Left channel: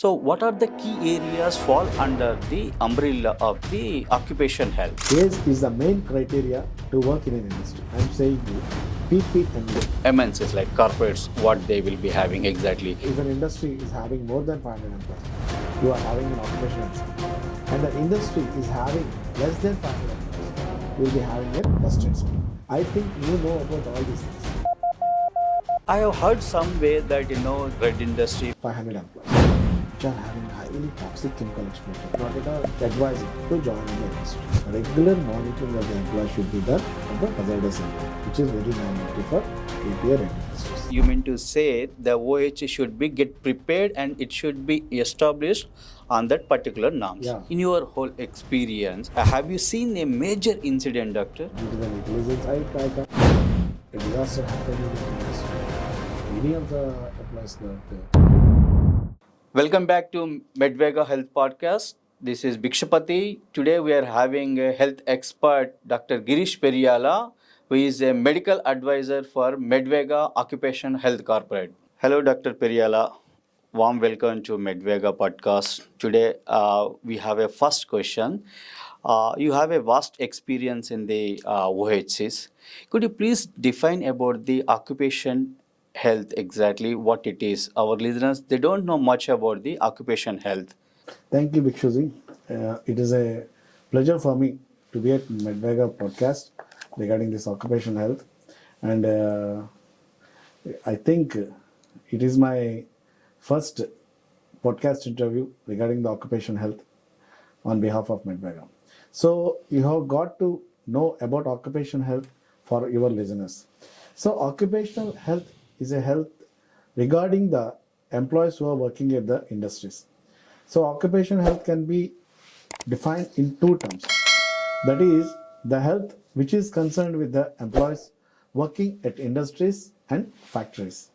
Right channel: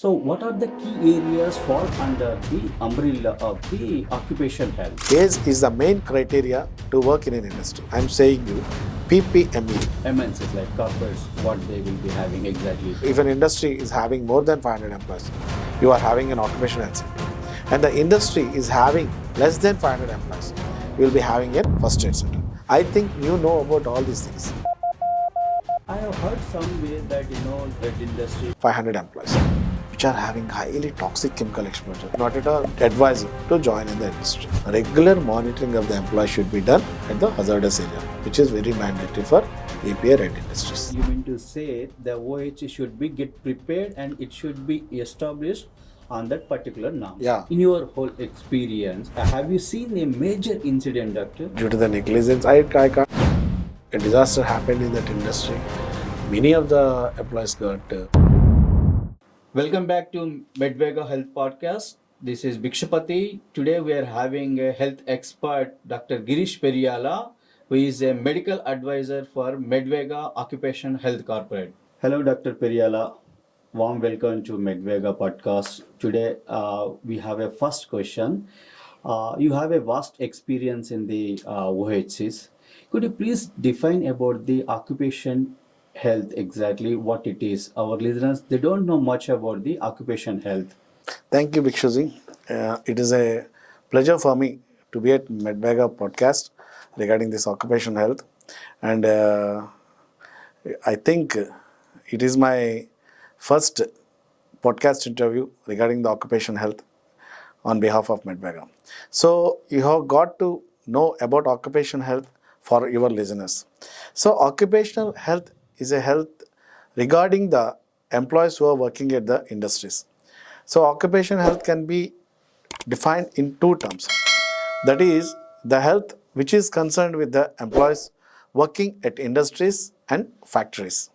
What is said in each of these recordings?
So, what are the key areas fall under the umbrella of the occupation health? Age is the main criteria to work in an industry. I'm saying you, PPME. MNCs like corporates, what they will be having exactly. If an industry is having more than 500 employees, you are having an occupational health center. And the industry is having less than 500 employees, you will be having a first aid center. I think you know about all these things. I have heard somewhere that red industry 500 employees which are having highly toxic chemical exposure, not at all advising to join in the industry. Regular monitoring of the employee should be done at the hazardous area, which is very mandatory for API red industries. You mean to say the OH should be get prepared and it should be established on that particular norms. Yeah. In your whole experience, have you seen a major incident, doctor? Due to the negligence, I can't. A disaster happened in that industry. Many of the employees got. Welcome back to Medvega Health Podcast. This is Bhikshapati. Today we are having a health expert, Dr. Girish Periyala, who is a medical advisor for Medvega Occupational Health Corporate. Hello, Dr. Periyala. Warm welcome to Medvega Podcast. Today we have a first question. You have a vast experience in the OHCs. Could you please define about the occupation health exactly what it is? Our listeners, they don't know much about the occupation health. Thank you, Bhikshuji. It is a pleasure for me to be at Medvega podcast regarding this occupational health. And I think it is my first podcast interview regarding the occupation health on behalf of Medvega. So you have got to know about occupation health for your listeners. So occupational health is a health regarding the employees who are working at the industries. So occupational health can be defined in two terms. That is the health which is concerned with the employees working at industries and factories.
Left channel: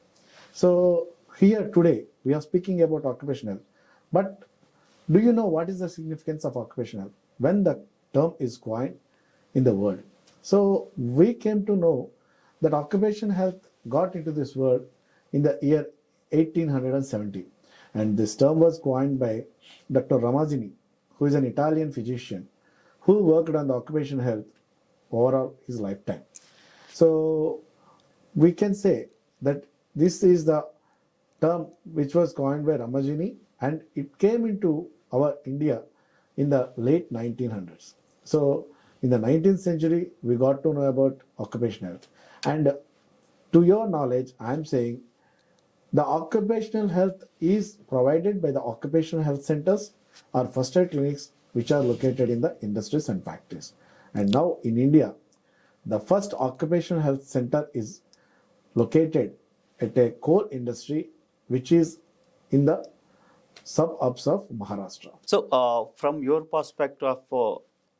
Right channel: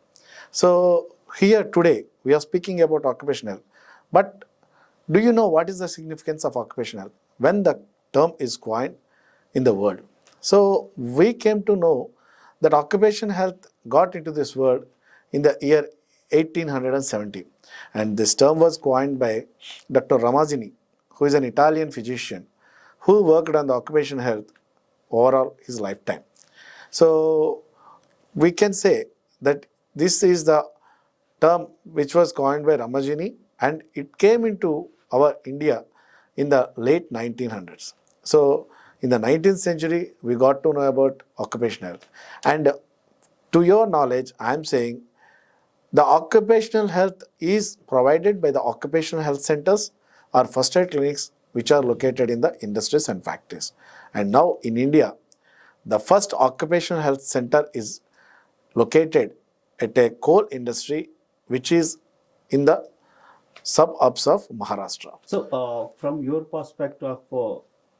So here today we are speaking about occupational health. But do you know what is the significance of occupational health when the term is coined in the world? So we came to know that occupational health got into this word in the year 1870. And this term was coined by Dr. Ramazzini, who is an Italian physician who worked on the occupational health overall his lifetime. So we can say that this is the term which was coined by Ramazzini, and it came into our India in the late 1900s. So in the 19th century, we got to know about occupational health. And to your knowledge, I am saying the occupational health is provided by the Occupational Health Centers or first aid clinics which are located in the industries and factories. And now in India, the first Occupational Health Center is located at a coal industry which is in the suburbs of Maharashtra. So, from your perspective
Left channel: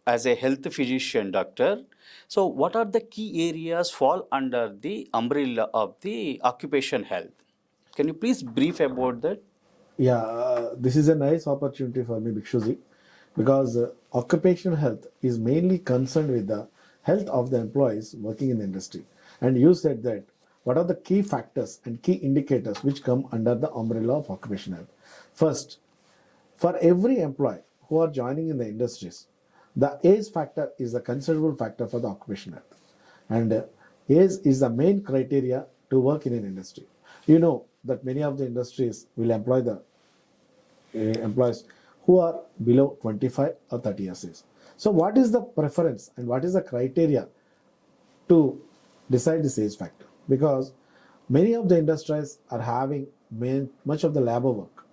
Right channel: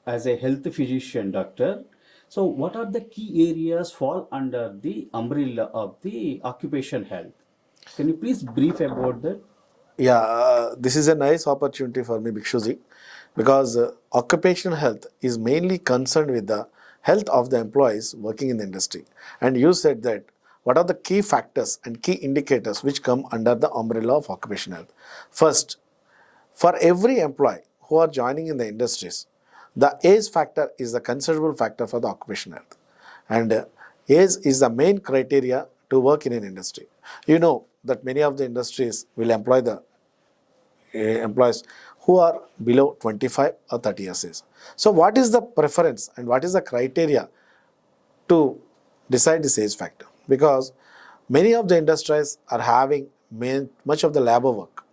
as a health physician, doctor, so what are the key areas fall under the umbrella of the occupation health? Can you please brief about that? Yeah, this is a nice opportunity for me, Bhikshuji, because occupational health is mainly concerned with the health of the employees working in the industry. And you said that what are the key factors and key indicators which come under the umbrella of occupational health? First, for every employee who are joining in the industries, the age factor is the considerable factor for the occupational health. And age is the main criteria to work in an industry. You know that many of the industries will employ the employees who are below 25 or 30 years age. So what is the preference and what is the criteria to decide this age factor? Because many of the industries are having much of the labor work.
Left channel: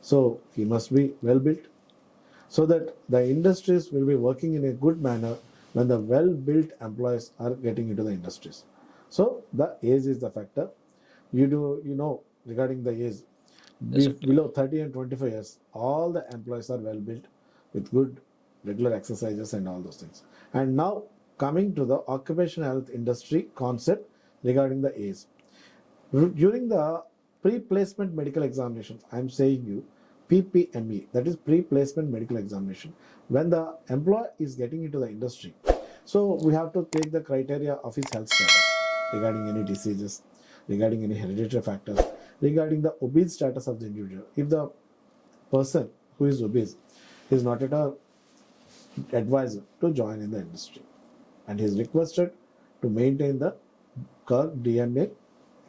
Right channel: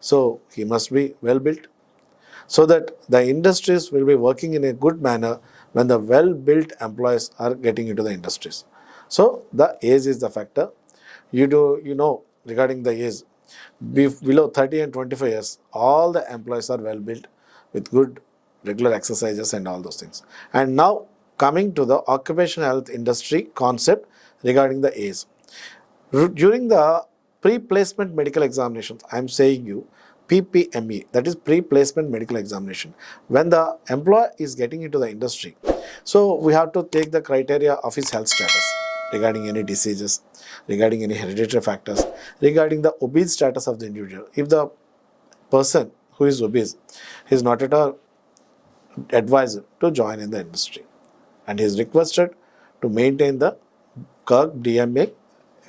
So he must be well built so that the industries will be working in a good manner when the well built employees are getting into the industries. So the age is the factor. You know regarding the age, below 30 and 25 years, all the employees are well built with good regular exercises and all those things. And now coming to the occupational health industry concept regarding the age. During the pre-placement medical examinations, I am saying you PPME, that is pre-placement medical examination, when the employee is getting into the industry. So we have to take the criteria of his health status regarding any diseases, regarding any hereditary factors, regarding the obese status of the individual. If the person who is obese is not at all advised to join in the industry, and he is requested to maintain the Kirk DMA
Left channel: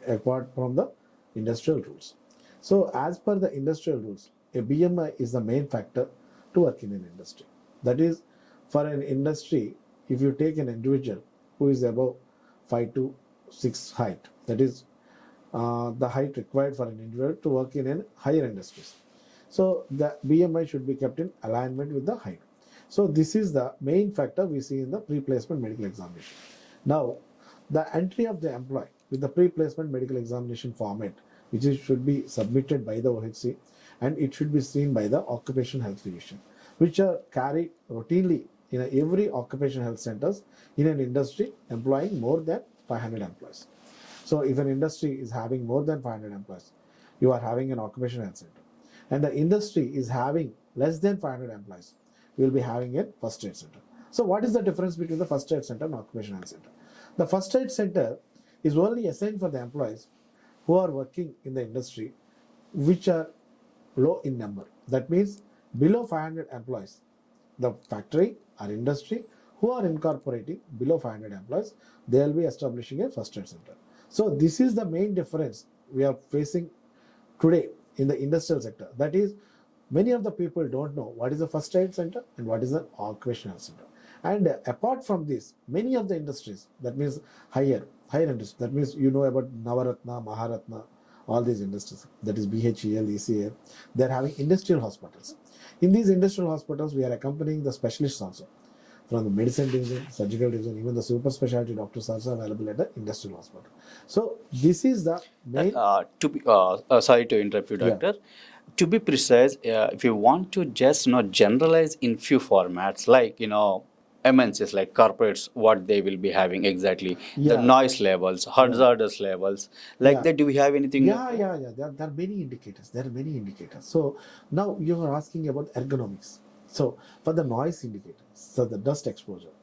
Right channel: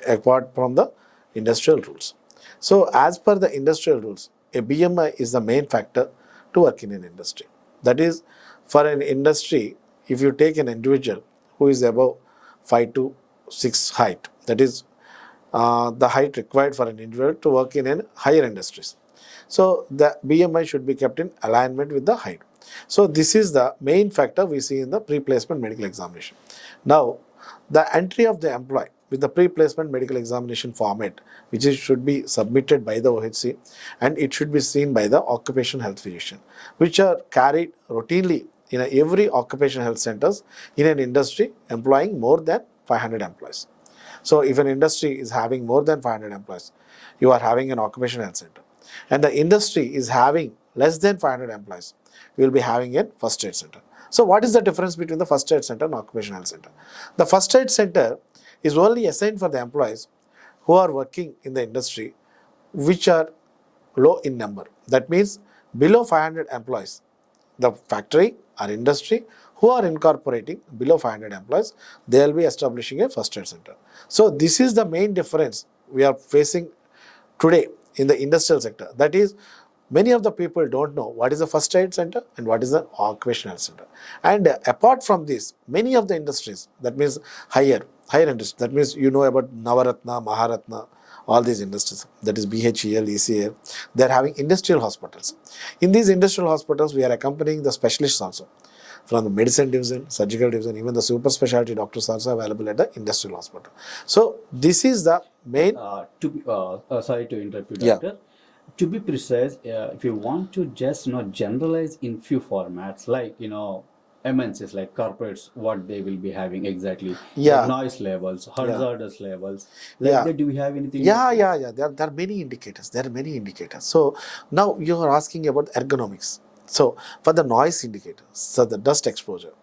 apart from the industrial rules. So, as per the industrial rules, a BMI is the main factor to work in an industry. That is, for an industry, if you take an individual who is above 5 to 6 height, that is the height required for an individual to work in an higher industries. So the BMI should be kept in alignment with the height. So this is the main factor we see in the pre-placement medical examination. Now, the entry of the employee with the pre-placement medical examination format, which should be submitted by the OHC, and it should be seen by the occupational health physician, which are carried routinely in every occupational health centers in an industry employing more than 500 employees. So if an industry is having more than 500 employees, you are having an occupational health center. And the industry is having less than 500 employees, you will be having a first aid center. So what is the difference between the first aid center and occupational health center? The first aid center is only assigned for the employees who are working in the industry which are low in number. That means below 500 employees, the factory or industry who are incorporating below 500 employees, they will be establishing a first aid center. So this is the main difference we are facing today in the industrial sector. That is, many of the people don't know what is the first aid center and what is the occupational health center. And apart from this, many of the industries, that means higher industry, that means you know about Navaratna, Maharatna, all these industries, that is BHEL, ECL, they are having industrial hospitals. In these industrial hospitals, we are accompanying the specialists also. From the medicine division, surgical division, even the super specialty doctors also available at the industrial hospital. So this is the main. Sorry to interrupt you, Yeah. doctor. To be precise, if you want to just generalize in few formats, like MNCs, like corporates, what they will be having exactly, Yeah. the noise levels, hazardous levels, like Yeah. that. Do we have anything? Yeah. There are many indicators. So now you are asking about ergonomics. So for the noise indicator, so the dust exposure.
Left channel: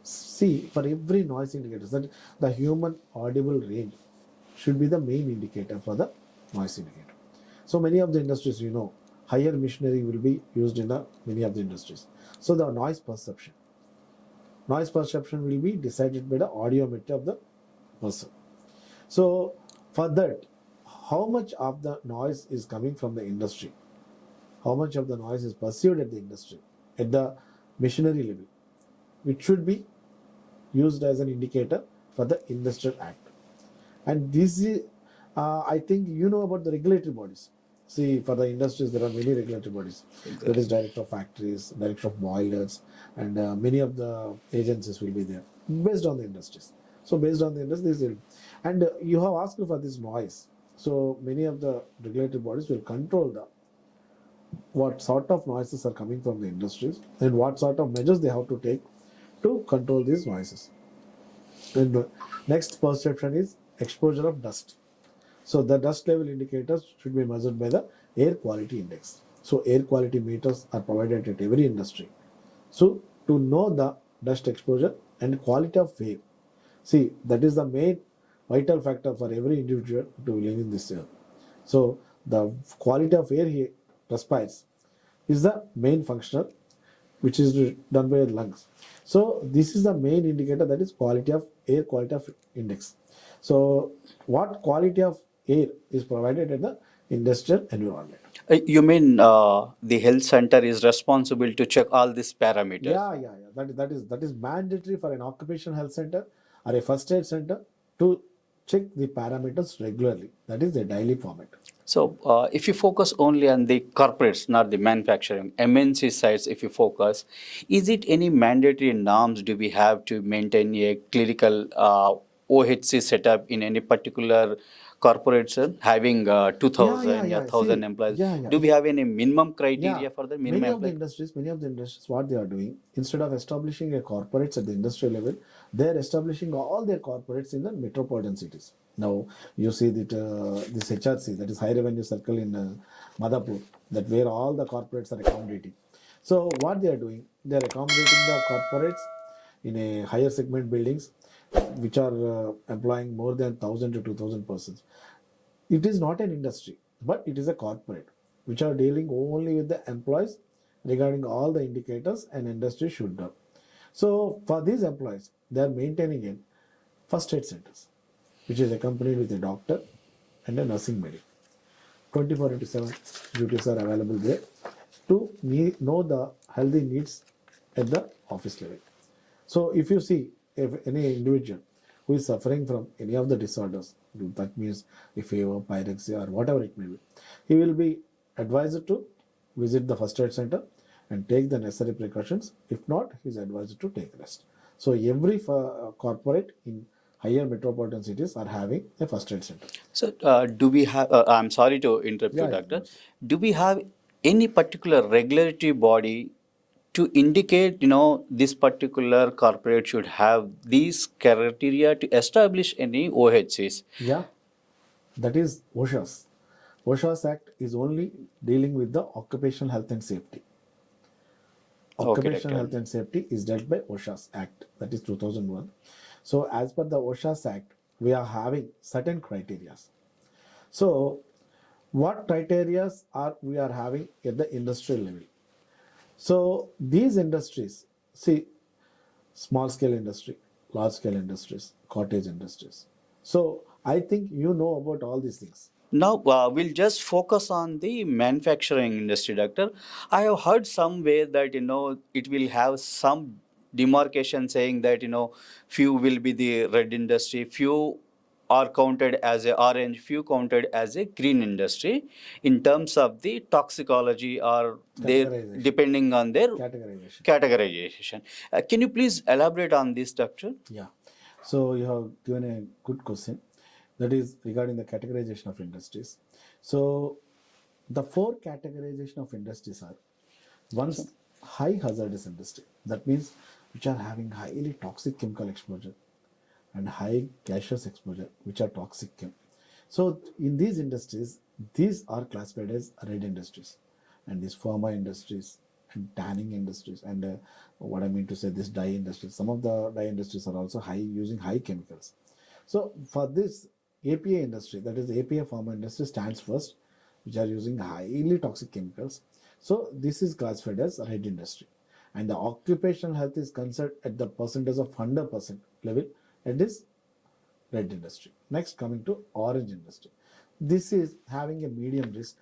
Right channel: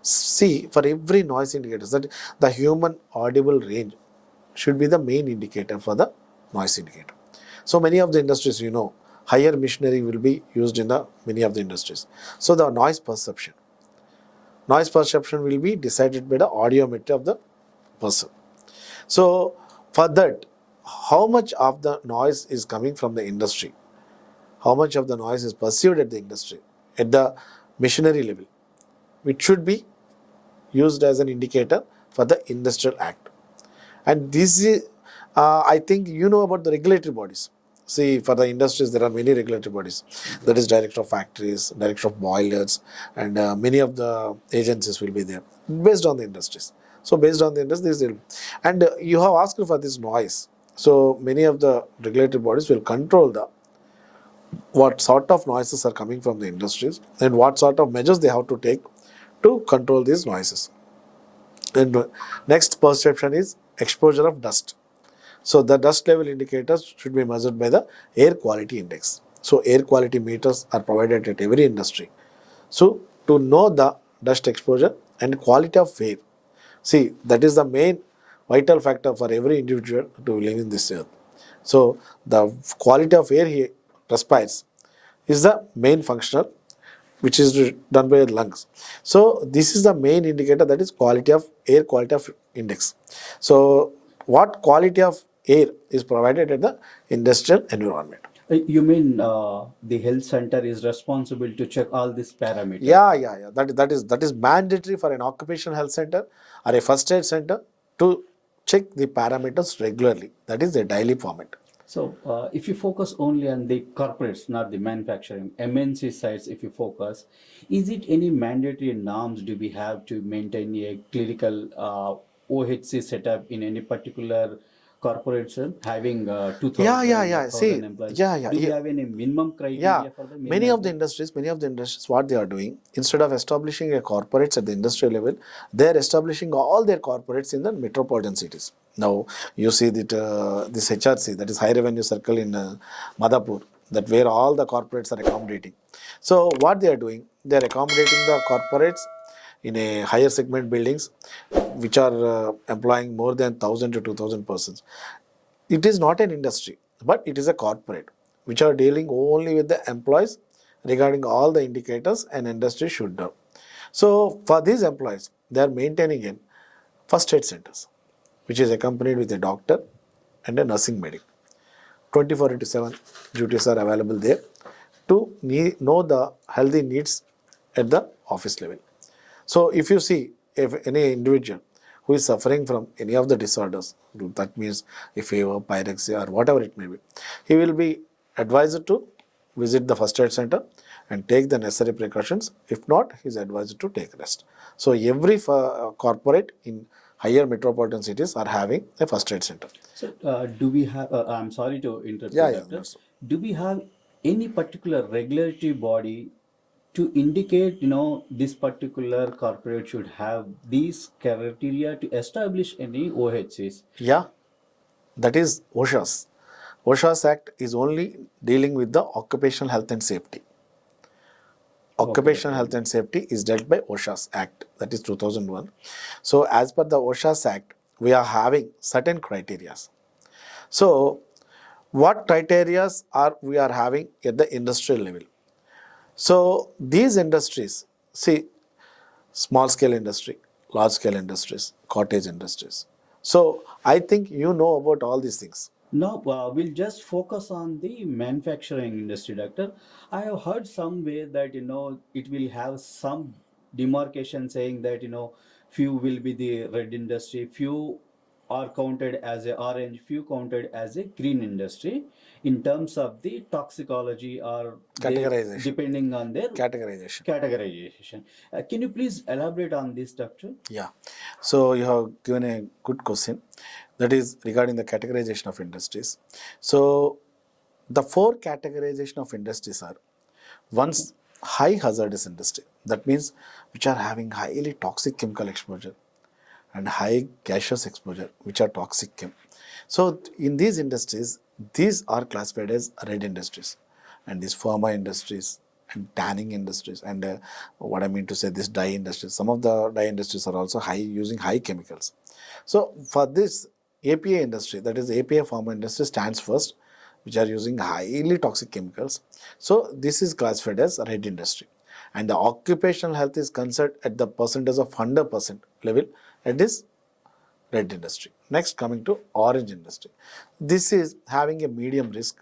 See, for every noise indicator, that the human audible range should be the main indicator for the noise indicator. So many of the industries, higher machinery will be used in the many of the industries. So the noise perception will be decided by the audiometry of the person. So for that, how much of the noise is coming from the industry? How much of the noise is perceived at the industry, at the machinery level, which should be used as an indicator for the Industrial Act. And this is, I think you know about the regulatory bodies. See, for the industries, there are many regulatory bodies. Exactly. That is Director of Factories, Director of Boilers, and many of the agencies will be there based on the industries. So based on the industries, and you have asked for this noise. So many of the regulatory bodies will control what sort of noises are coming from the industries and what sort of measures they have to take to control these noises. And next perception is exposure of dust. So the dust level indicators should be measured by the air quality index. So air quality meters are provided at every industry. So to know the dust exposure and quality of air. See, that is the main vital factor for every individual to live in this earth. So the quality of air he respires is the main functional which is done by the lungs. So this is the main indicator, that is air quality of index. So what quality of air is provided at the industrial environment? You mean the health center is responsible to check all these parameters? Yeah. That is mandatory for an occupational health center or a first aid center to check the parameters regularly. That is the daily format. So, if you focus only on the corporates, not the manufacturing, MNC sites, if you focus, is it any mandatory norms do we have to maintain a clinical OHC setup in any particular corporation having 2,000 or 1,000 employees? Do we have any minimum criteria for the minimum? Many of the industries, what they are doing, instead of establishing a corporates at the industrial level, they are establishing all their corporates in the metropolitan cities. Now, you see that this HRC, that is High Revenue Circle in Madhapur, that where all the corporates are accommodating. So, what they are doing, they are accommodating the corporates in a higher segment buildings, which are employing more than 1,000 to 2,000 persons. It is not an industry, but it is a corporate. which are dealing only with the employees regarding all the indicators an industry should do. So for these employees, they are maintaining in first aid centers, which is accompanied with a doctor and a nursing medic. 24 into 7 duties are available there to know the healthy needs at the office level. So if you see, if any individual who is suffering from any of the disorders, that means a fever, pyrexia or whatever it may be, he will be advised to visit the first aid center and take the necessary precautions. If not, he is advised to take rest. So every corporate in higher metropolitan cities are having a first aid center. So, do we have, I'm sorry to interrupt you, Yeah, yeah, doctor. that's Do we have any particular regulatory body to indicate, this particular corporate should have these criteria to establish any OHCs? yeah, that is OSHA's. OSHA's Act is only dealing with the occupational health and safety. Okay, Occupational doctor. Health and Safety is dealt by OSHA's Act, that is 2001. So, as per the OSHA's Act, we are having certain criteria. So, what criteria are we are having at the industrial level? So, these industries, see, small scale industry, large scale industries, cottage industries. So, I think you know about all these things. Now, we'll just focus on the manufacturing industry, doctor. I have heard somewhere that, it will have some demarcation saying that, few will be the red industry, few are counted as a orange, few counted as a green industry in terms of the toxicology or they Categorization. depending on their Categorization. categorization. Can you please elaborate on this, doctor? Yeah. So you have given a good question, that is regarding the categorization of industries. So the four categorization of industries are: one's high hazardous industry, that means which are having highly toxic chemical exposure, and high gaseous exposure, which are toxic chem. So in these industries, these are classified as red industries, and these pharma industries and tanning industries, and what I mean to say, this dye industries. Some of the dye industries are also high, using high chemicals. So for this API industry, that is API pharma industry, stands first, which are using highly toxic chemicals. So this is classified as red industry, and the occupational health is considered at the percentage of 100% level at this red industry. Next, coming to orange industry. This is having a medium risk,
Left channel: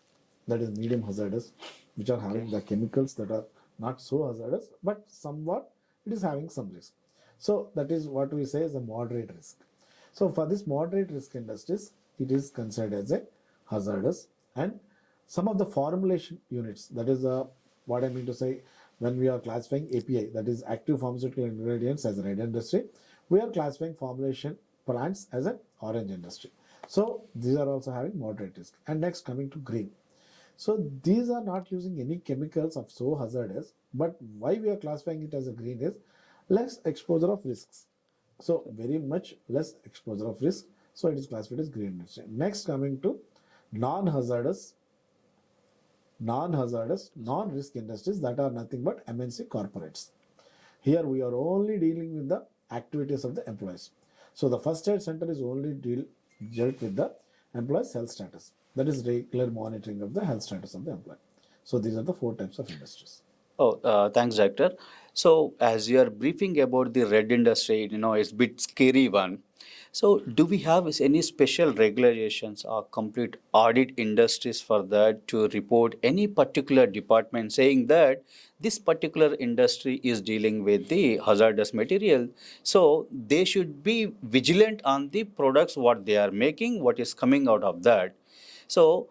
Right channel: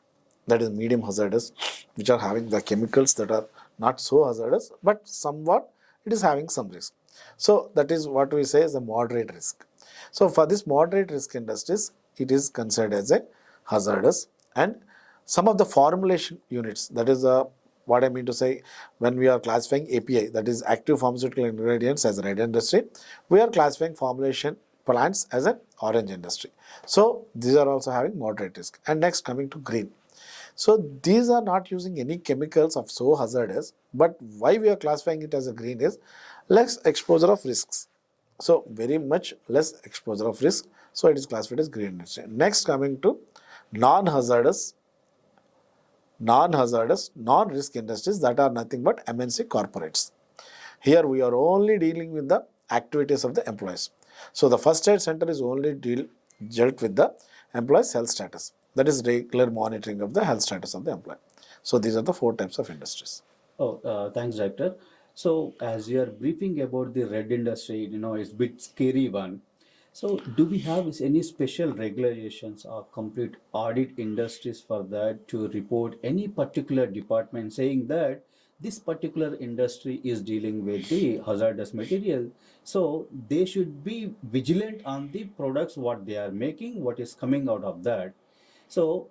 that is medium hazardous, which are having the chemicals that are not so hazardous, but somewhat it is having some risk. So that is what we say is a moderate risk. So for this moderate risk industries, it is considered as a hazardous, and some of the formulation units, that is what I mean to say, when we are classifying API, that is active pharmaceutical ingredients, as a red industry, we are classifying formulation plants as an orange industry. So these are also having moderate risk. And next, coming to green. So these are not using any chemicals of so hazardous, but why we are classifying it as a green is less exposure of risks. So very much less exposure of risk. So it is classified as green industry. Next, coming to non-hazardous, non-risk industries, that are nothing but MNC corporates. Here we are only dealing with the activities of the employees. So the first aid center is only dealt with the employee's health status. That is regular monitoring of the health status of the employee. So these are the four types of industries. Oh, thanks, doctor. So, as you are briefing about the red industry, it's a bit scary one. So, do we have any special regulations or complete audit industries for that to report any particular department saying that this particular industry is dealing with the hazardous material? So, they should be vigilant on the products, what they are making, what is coming out of that. So,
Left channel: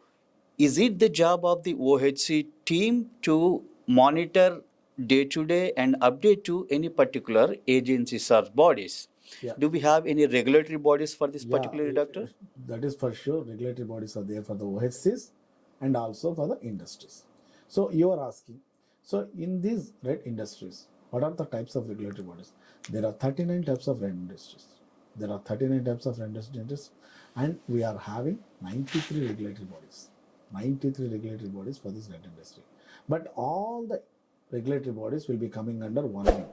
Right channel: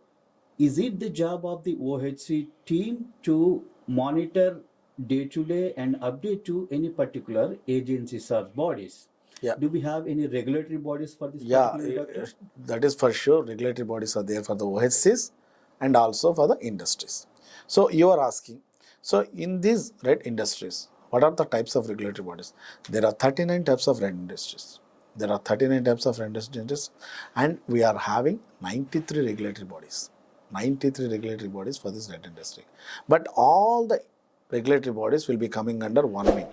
is it the job of the OHC team to monitor day to day and update to any particular agencies or bodies? Yeah. Do we have any regulatory bodies for this Yeah, particular, doctor? that is for sure. Regulatory bodies are there for the OHCs and also for the industries. So you are asking, so in these red industries, what are the types of regulatory bodies? There are 39 types of red industries. There are 39 types of red industries, and we are having 93 regulatory bodies. 93 regulatory bodies for this red industry. But all the regulatory bodies will be coming under one wing.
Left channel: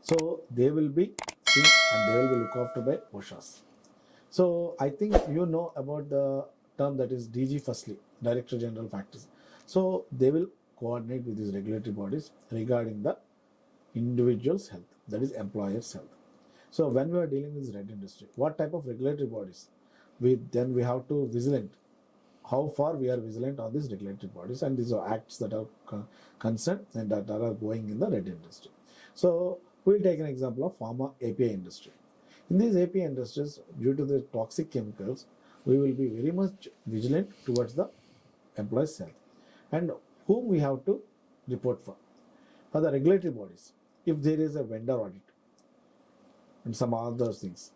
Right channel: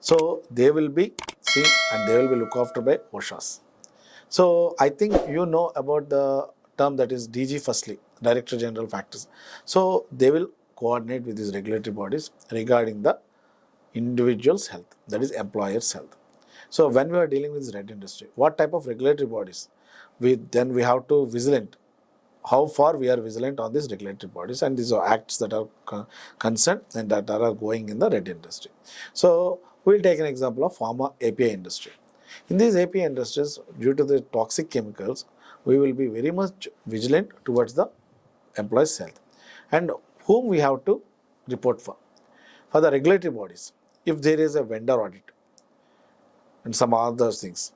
So they will be seen and they will be looked after by OSHAs. So I think you know about the term that is DG firstly, Director General factors. So they will coordinate with these regulatory bodies regarding the individual's health, that is employer's health. So when we are dealing with red industry, what type of regulatory bodies? We have to vigilant. How far we are vigilant on these regulatory bodies, and these are acts that are concerned and that are going in the red industry. So we'll take an example of pharma API industry. In these API industries, due to the toxic chemicals, we will be very much vigilant towards the employee's health. And whom we have to report for? For the regulatory bodies, if there is a vendor audit and some other things.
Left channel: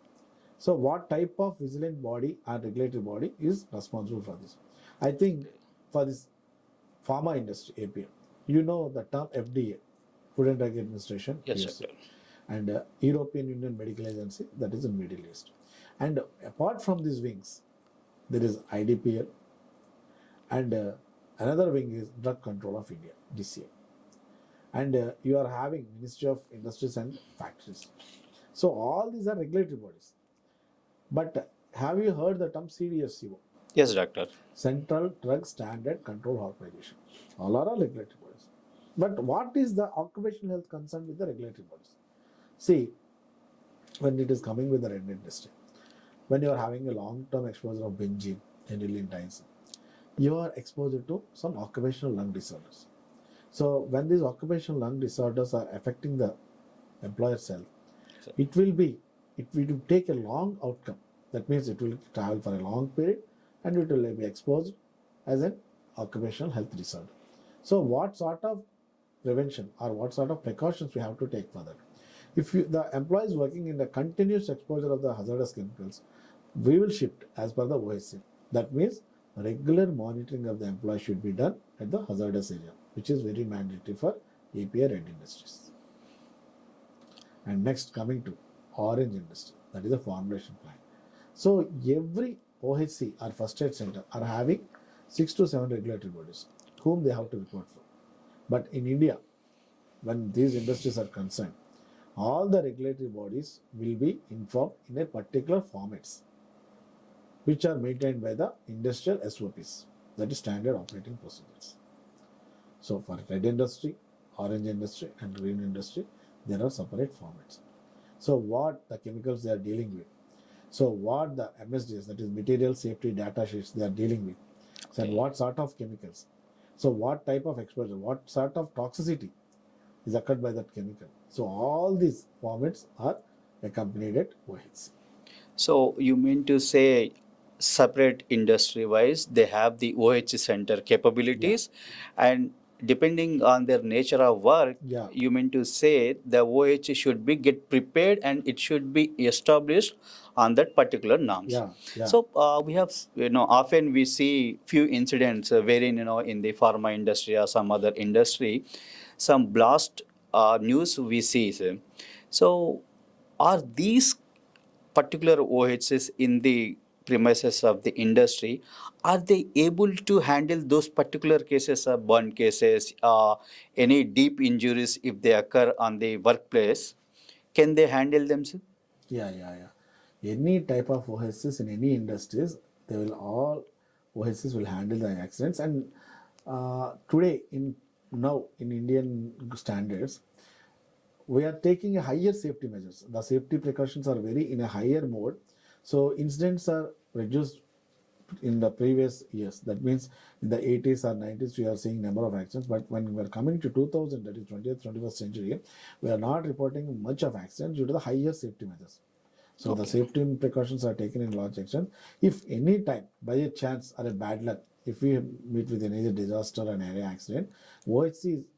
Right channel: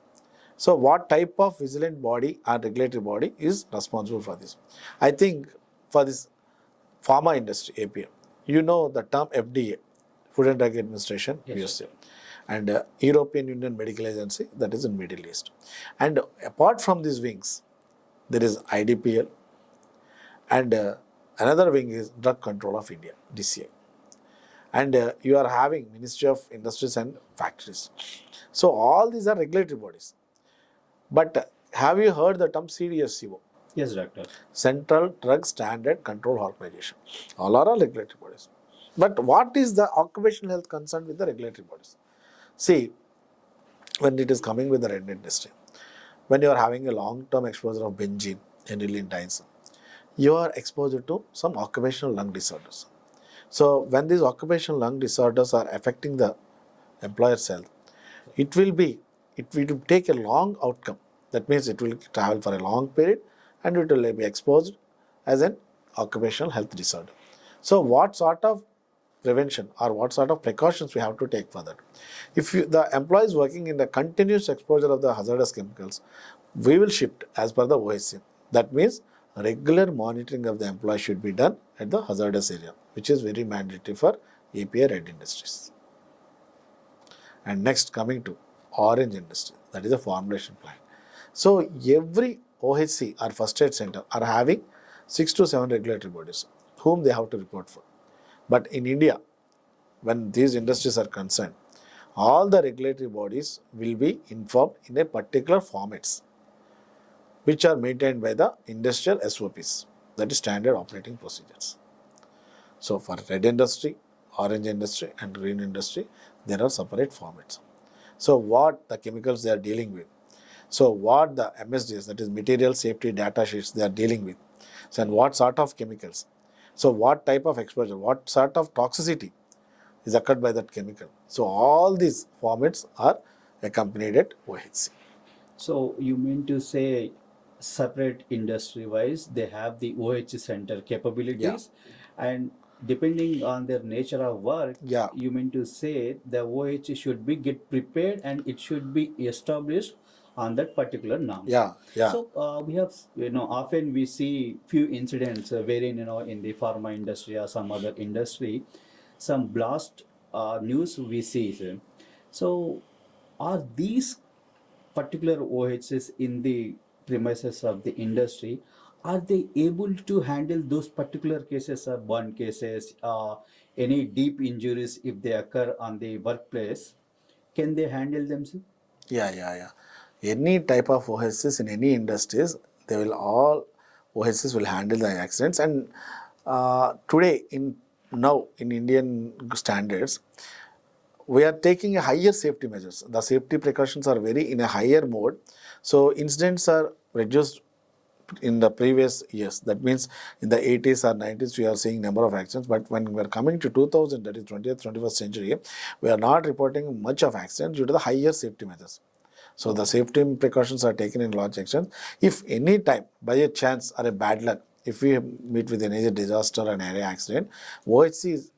So what type of vigilant body or regulatory body is responsible for this? I think for this pharma industry API, you know the term FDA, Food and Drug Administration, Yes, USA, sir. and European Union Medical Agency, that is in Middle East. And apart from these wings, there is IDPL, and another wing is Drug Control of India, DCI. And you are having Ministry of Industries and Factories. So all these are regulatory bodies. But have you heard the term CDSCO? Yes, doctor. Central Drug Standard Control Organization. All are regulatory bodies. But what is the occupational health concerned with the regulatory bodies? See, when it is coming with the red industry, when you are having a long-term exposure of benzene, aniline dyes, you are exposed to some occupational lung disorders. So when these occupational lung disorders are affecting the employer's health, it will take a long outcome. That means it will travel for a long period and it will be exposed as an occupational health disorder. So what sort of prevention or what sort of precautions we have to take for that? If the employee is working in the continuous exposure of the hazardous chemicals, we will shift as per the OSC. That means regular monitoring of the employee should be done at the hazardous area, which is very mandatory for API red industries. And next, coming to orange industry, that is a formulation plant. So every OHC or first aid center are having 6 to 7 regulatory bodies whom they have to report for. But in India, when these industries are concerned, all the regulatory bodies will be informed in a particular formats which are maintained by the industrial SOPs, that is standard operating procedures. So for red industry, orange industry and green industry, there are separate formats. So what the chemicals they are dealing with, so what the MSDs, that is material safety data sheets, they are dealing with, so and what sort of chemicals, so what type of exposure, what sort of toxicity is occurred by that chemical. So all these formats are accompanied at OHC. So you mean to say separate industry wise they have the OH center capabilities, and depending on their nature of work, Yeah. you mean to say the OH should be get prepared and it should be established on that particular norms. Yeah. So we have, often we see few incidents wherein, in the pharma industry or some other industry, some blast news we see. So are these particular OHs in the premises of the industry, are they able to handle those particular cases of burn cases, any deep injuries if they occur on the workplace? Can they handle themselves? Yeah. Any type of OHS in any industries, they will all OHS will handle the accidents. And today, now in Indian standards, we are taking a higher safety measures. The safety precautions are very in a higher mode. So incidents are reduced in the previous years. That means in the 80s or 90s, we are seeing number of accidents. But when we are coming to 2000, that is 20th, 21st century, we are not reporting much of accidents due to the higher safety measures. So the safety precautions are taken in large extent. If any time, by a chance or a bad luck, if we meet with any disaster and area accident, OHC is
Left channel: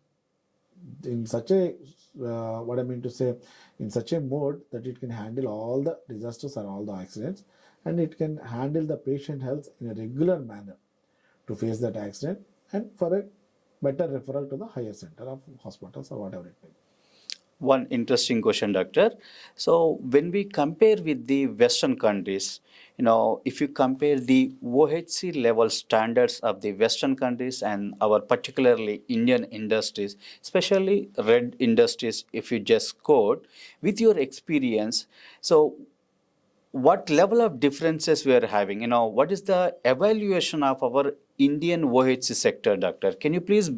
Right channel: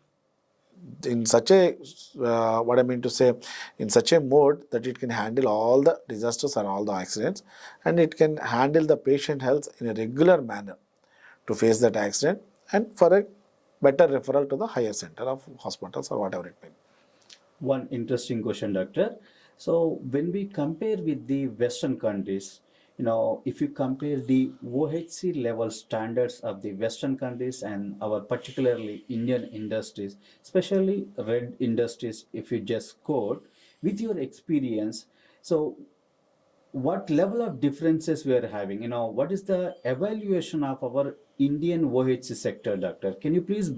in such a what I mean to say, in such a mode that it can handle all the disasters or all the accidents, and it can handle the patient health in a regular manner to face that accident and for a better referral to the higher center of hospitals or whatever it may be. One interesting question, doctor. So when we compare with the Western countries, if you compare the OHC level standards of the Western countries and our particularly Indian industries, especially red industries, if you just quote, with your experience, so what level of differences we are having? What is the evaluation of our Indian OHC sector, doctor? Can you please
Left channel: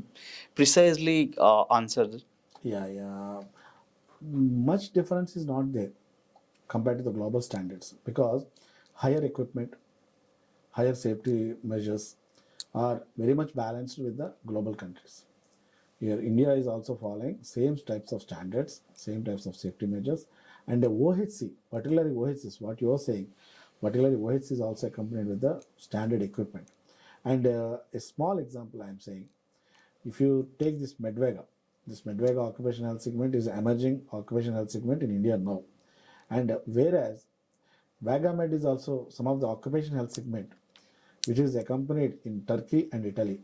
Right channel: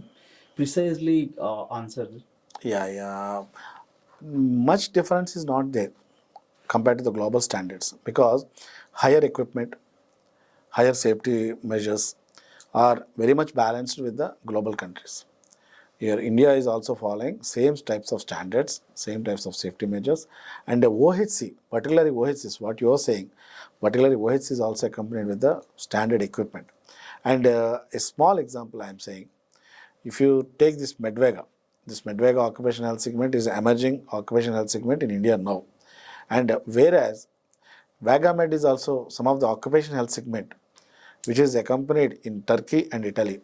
precisely answer this? Yeah, yeah. Much difference is not there compared to the global standards because higher equipment, higher safety measures are very much balanced with the global countries. Here, India is also following same types of standards, same types of safety measures, and the OHC, particularly OHC is what you are saying, particularly OHC is also accompanied with the standard equipment. And a small example I am saying, if you take this Medvega occupational health segment is emerging occupational health segment in India now. And whereas Vagamed is also some of the occupational health segment which is accompanied in Turkey and Italy.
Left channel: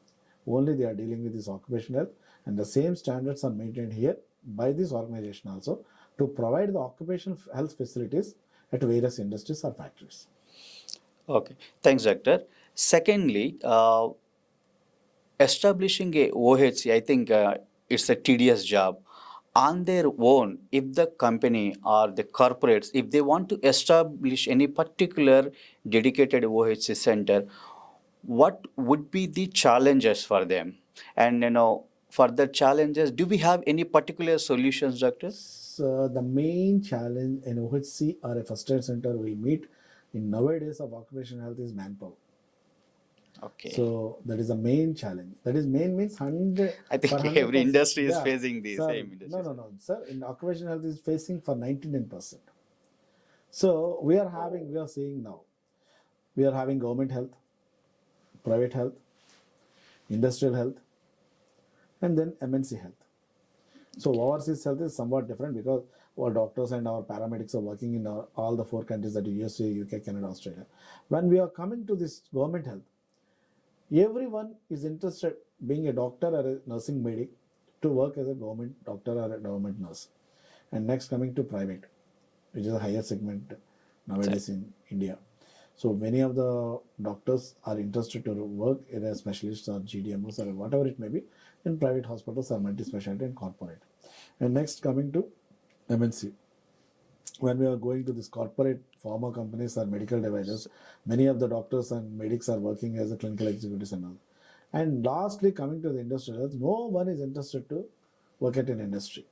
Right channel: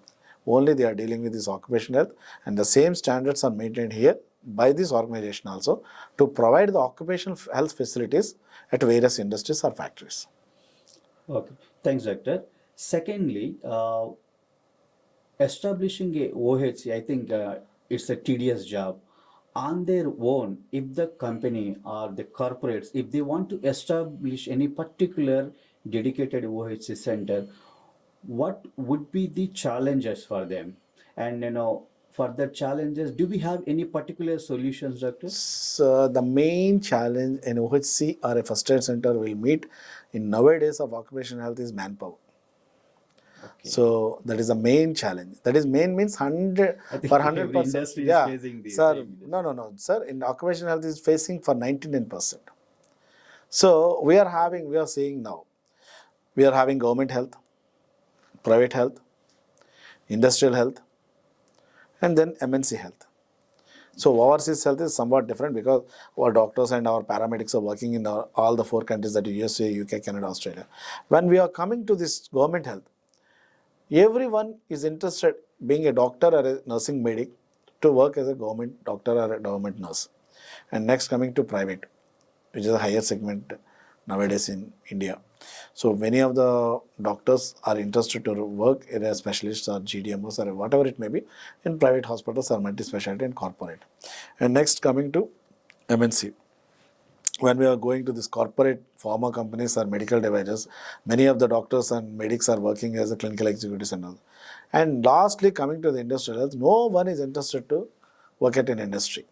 Only they are dealing with this occupational health, and the same standards are maintained here by this organization also to provide the occupational health facilities at various industries or factories. Okay, thanks, doctor. Secondly, establishing a OHC, I think it's a tedious job. On their own, if the company or the corporates, if they want to establish any particular dedicated OHC center, what would be the challenges for them? And for the challenges, do we have any particular solutions, doctor? So the main challenge an OHC or a first aid center will meet in nowadays of occupational health is manpower. Okay. So that is the main challenge. That is main means 100 I think for 100%. every industry is facing the sir. same industry. No, sir. In occupational health is facing for 99%. So we are seeing now. We are having government health, private health, industrial health, and then MNC health. So overseas health is somewhat different because our doctors and our paramedics are working in all the four countries that USA, UK, Canada, Australia. When we are coming to this government health, everyone is interested being a doctor or a nursing medic to work as a government doctor or a government nurse. And next coming to private, which is a higher segment nowadays in India. So many of the doctors are interested to work as specialists or GDMOs or whatever it may be in private hospitals or multi-specialty and corporate. And next coming to MNC. When we are going to this corporate pharma companies or medical devices, many of the doctors and medics are working as a clinical executives and all. And lastly, coming to the industrial health, no one is interested to work at an industry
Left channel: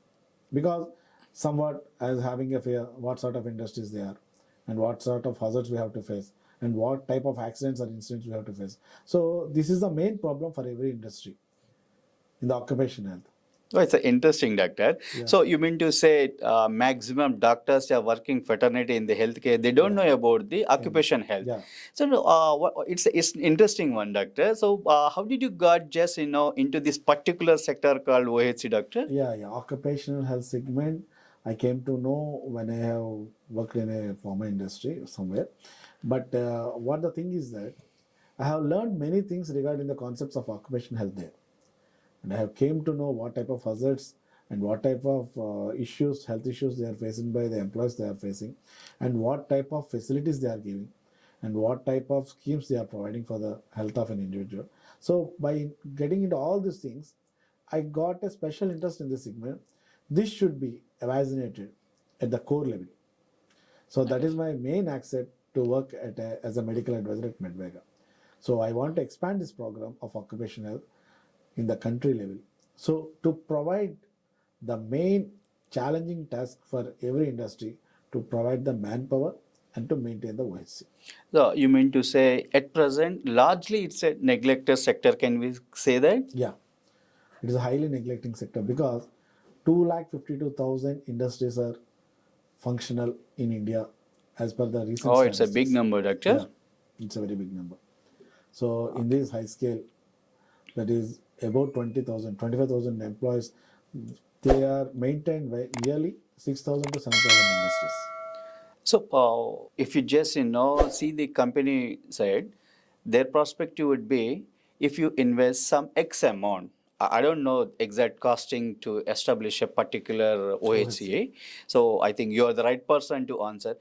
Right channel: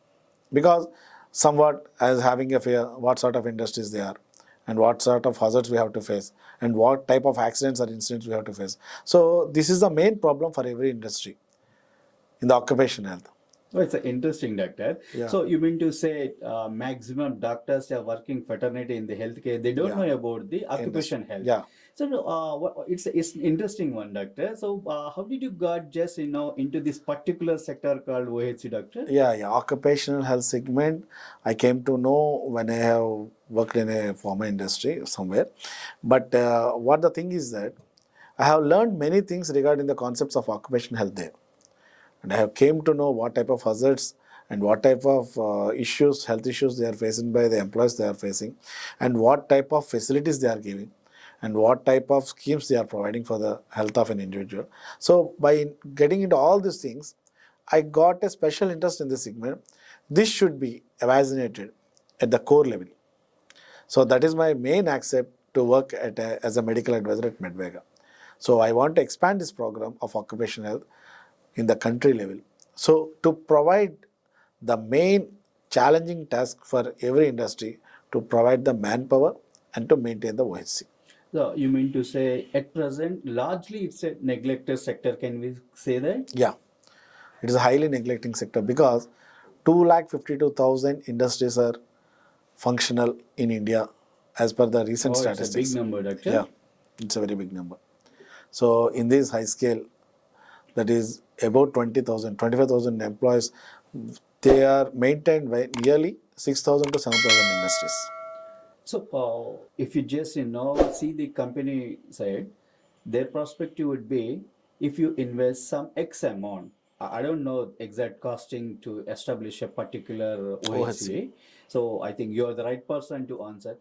because somewhat as having a fear what sort of industries they are and what sort of hazards we have to face and what type of accidents or incidents we have to face. So this is the main problem for every industry in the occupational health. Oh, it's interesting, doctor. Yeah. So you mean to say maximum doctors are working fraternity in the healthcare, they don't know about the occupation health. Yeah. So it's an interesting one, doctor. So how did you got just into this particular sector called OHC, doctor? Yeah. Occupational health segment, I came to know when I have worked in a pharma industry somewhere. But what the thing is that I have learned many things regarding the concepts of occupational health there. And I have came to know what type of hazards and what type of health issues they are facing by the employees they are facing, and what type of facilities they are giving, and what type of schemes they are providing for the health of an individual. So by getting into all these things, I got a special interest in this segment. This should be evaluated at the core level. So that is my main accept to work as a medical advisor at Medvega. So I want to expand this program of occupational health in the country level. So to provide the main challenging task for every industry to provide the manpower and to maintain the OHC. So you mean to say at present, largely it's a neglected sector. Can we say that? Yeah, it is a highly neglecting sector because 252,000 industries are functional in India as per the recent Oh, statistics. it's a big number, doctor. Yeah, it's a very big number. So in this high scale, that is about 20,000, 25,000 employees, they are maintained by nearly 6,000 to 7,000 industries. So, if you just see the company side, their perspective would be if you invest some X amount. I don't know exact costing to establish a particular OHCA. So I think you are the right person to answer.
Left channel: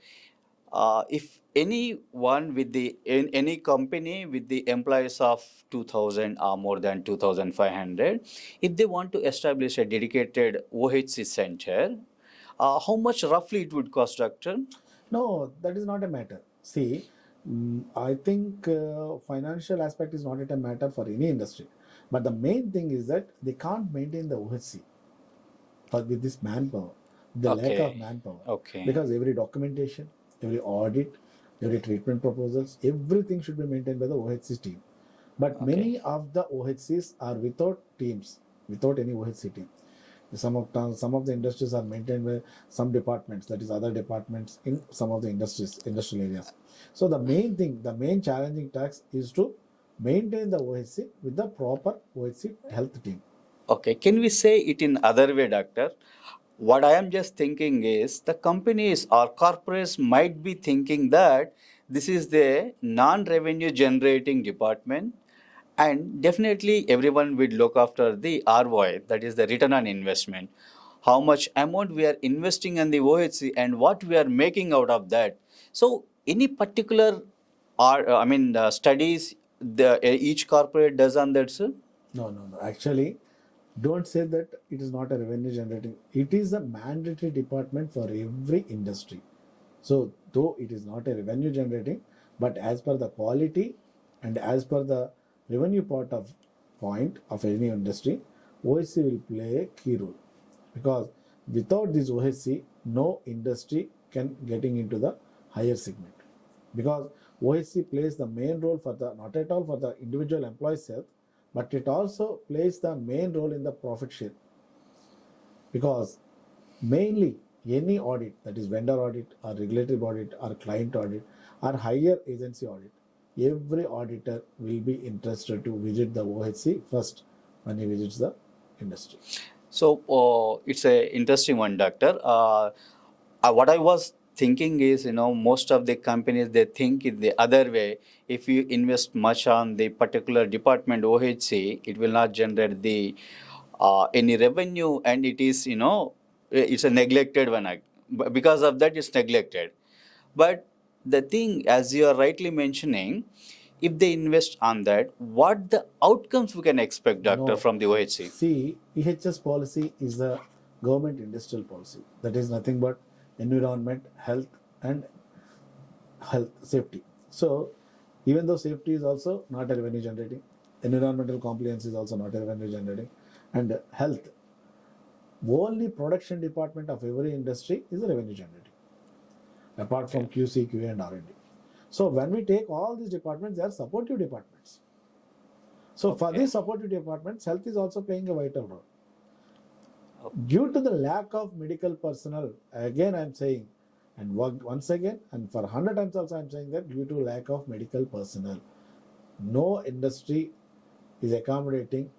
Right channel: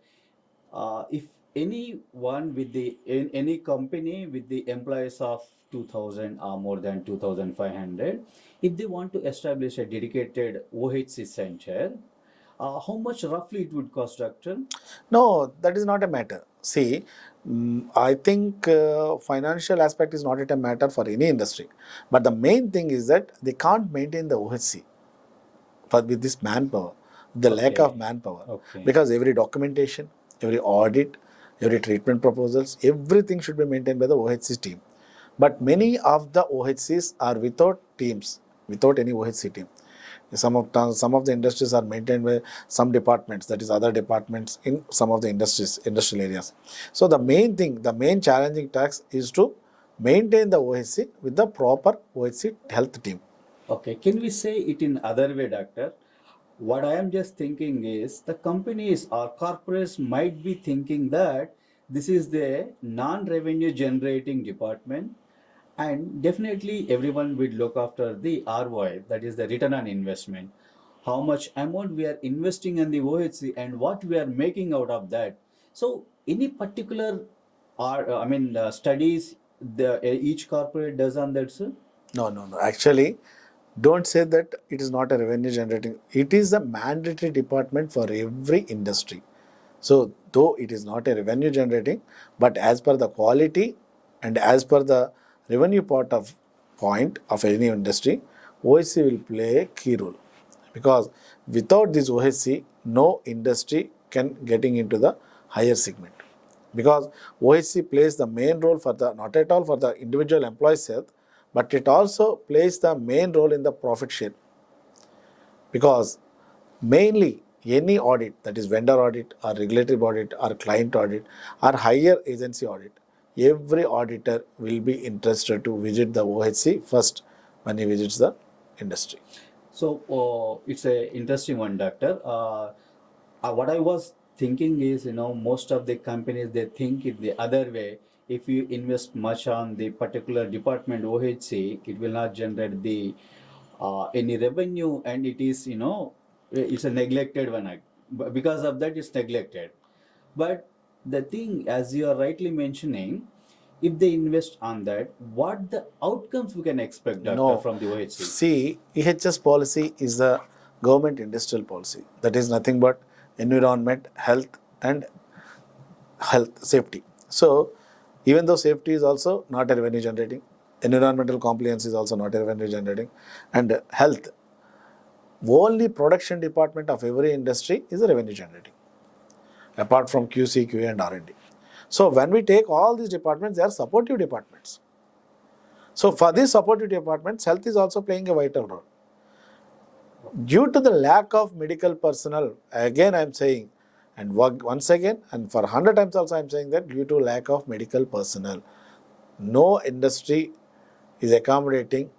If anyone with any company with the employees of 2,000 or more than 2,500, if they want to establish a dedicated OHC center, How much roughly it would cost, doctor? No, that is not a matter. See, I think financial aspect is not a matter for any industry. But the main thing is that they can't maintain the OHC with this manpower, the lack of Okay. manpower. Okay. Because every documentation, every audit, every treatment proposals, everything should be maintained by the OHC team. But Okay. many of the OHCs are without teams, without any OHC team. Some of the industries are maintained by some departments, that is other departments in some of the industrial areas. So the main thing, the main challenging task is to maintain the OHC with the proper OHC health team. Okay, can we say it in other way, doctor? What I am just thinking is the companies or corporates might be thinking that this is the non-revenue generating department, and definitely everyone will look after the ROI, that is the return on investment. How much amount we are investing in the OHC and what we are making out of that. So any particular studies each corporate does on that, sir? No, no, no. Actually, don't say that it is not a revenue generating. It is a mandatory department for every industry. So, though it is not a revenue generating, but as per the quality and as per the revenue part of point of any industry, OHC will play a key role. Because without this OHC, no industry can getting into the higher segment. Because OHC plays the main role for the not at all for the individual employee's health, but it also plays the main role in the profit share. Because mainly any audit, that is vendor audit or regulatory audit or client audit or higher agency audit, every auditor will be interested to visit the OHC first when he visits the industry. So it's a interesting one, doctor. What I was thinking is, most of the companies they think it the other way. If you invest much on the particular department OHC, it will not generate the any revenue, and it is it's a neglected one. Because of that, it's neglected. But the thing, as you are rightly mentioning, if they invest on that, what the outcomes we can expect, doctor, No. from the OHC? See, EHS policy is the government industrial policy. That is nothing but environment, health, and health safety. So, even though safety is also not a revenue generating, environmental compliance is also not a revenue generating, and health, only production department of every industry is a revenue generating, apart from QC, QA, and R&D. So, when we take all these departments, they are supportive departments. So, for these supportive departments, health is also playing a vital role. Due to the lack of medical personnel, again I am saying, and once again, and for 100 times also I am saying that due to lack of medical personnel, no industry is accommodating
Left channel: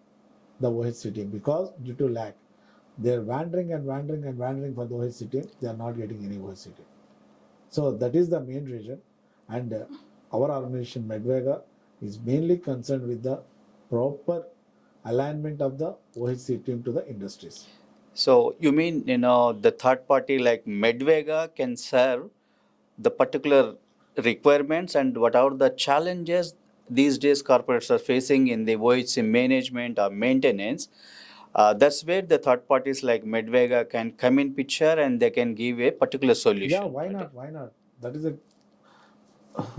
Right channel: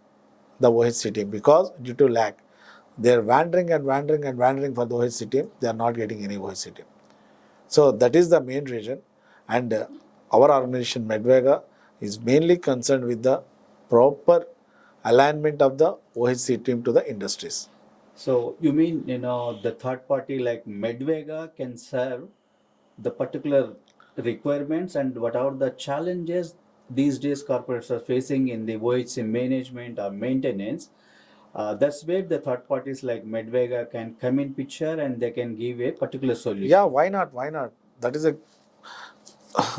the OHC team because due to lack, they are wandering and wandering and wandering for the OHC team, they are not getting any OHC team. So that is the main reason, and our organization Medvega is mainly concerned with the proper alignment of the OHC team to the industries. So you mean, the third party like Medvega can serve the particular requirements and what are the challenges these days corporates are facing in the OHC management or maintenance. That's where the third parties like Medvega can come in picture and they can give a particular Yeah, solution. why not? Why not? That is a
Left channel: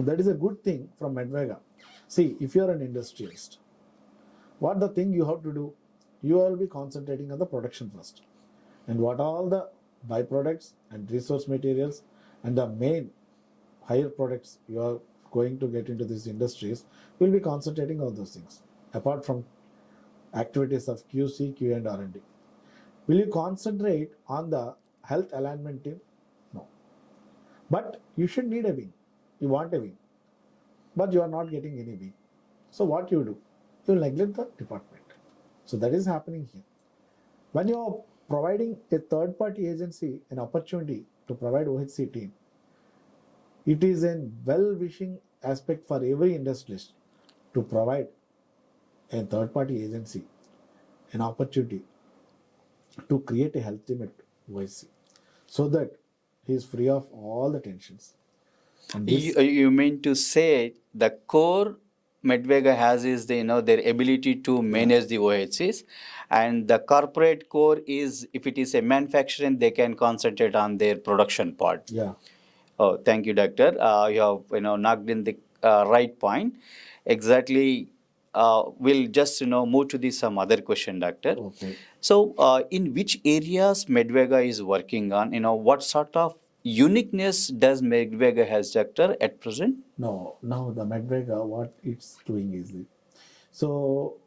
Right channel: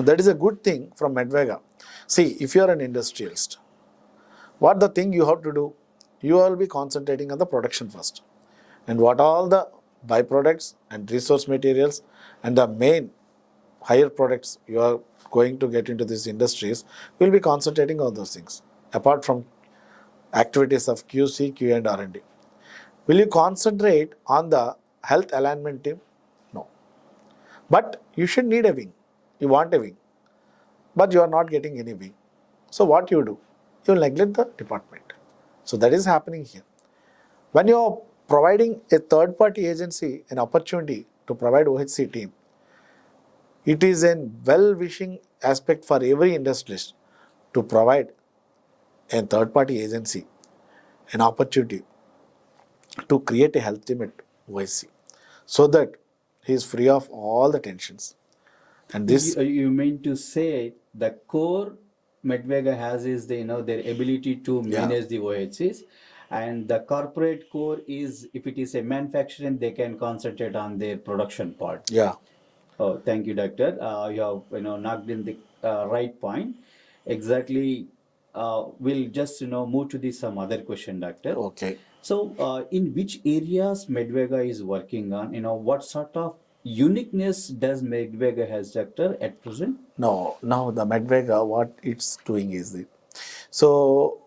that is a good thing from Medvega. See, if you are an industrialist, what the thing you have to do, you will be concentrating on the production first, and what all the byproducts and resource materials and the main higher products you are going to get into these industries, will be concentrating on those things. Apart from activities of QC, QA, and R&D, will you concentrate on the health alignment team? No. But you should need a wing. You want a wing, but you are not getting any wing. So what you do? You will neglect the department. So that is happening here. When you are providing a third party agency an opportunity to provide OHC team, it is a well wishing aspect for every industrialist to provide a third party agency an opportunity to create a health team at OHC so that he is free of all the tensions. And this, You mean to say the core Medvega has is their ability to Yeah. manage the OHCs, and the corporate core is, if it is a manufacturing, they can concentrate on their production part. Yeah. Oh, thank you, doctor. You have knocked in the right point. Exactly. We'll just move to the some other question, doctor. Okay. So, in which areas Medvega is working on? What sort of uniqueness does Medvega has, doctor, at present? No, now the Medvega, what it's doing is it. So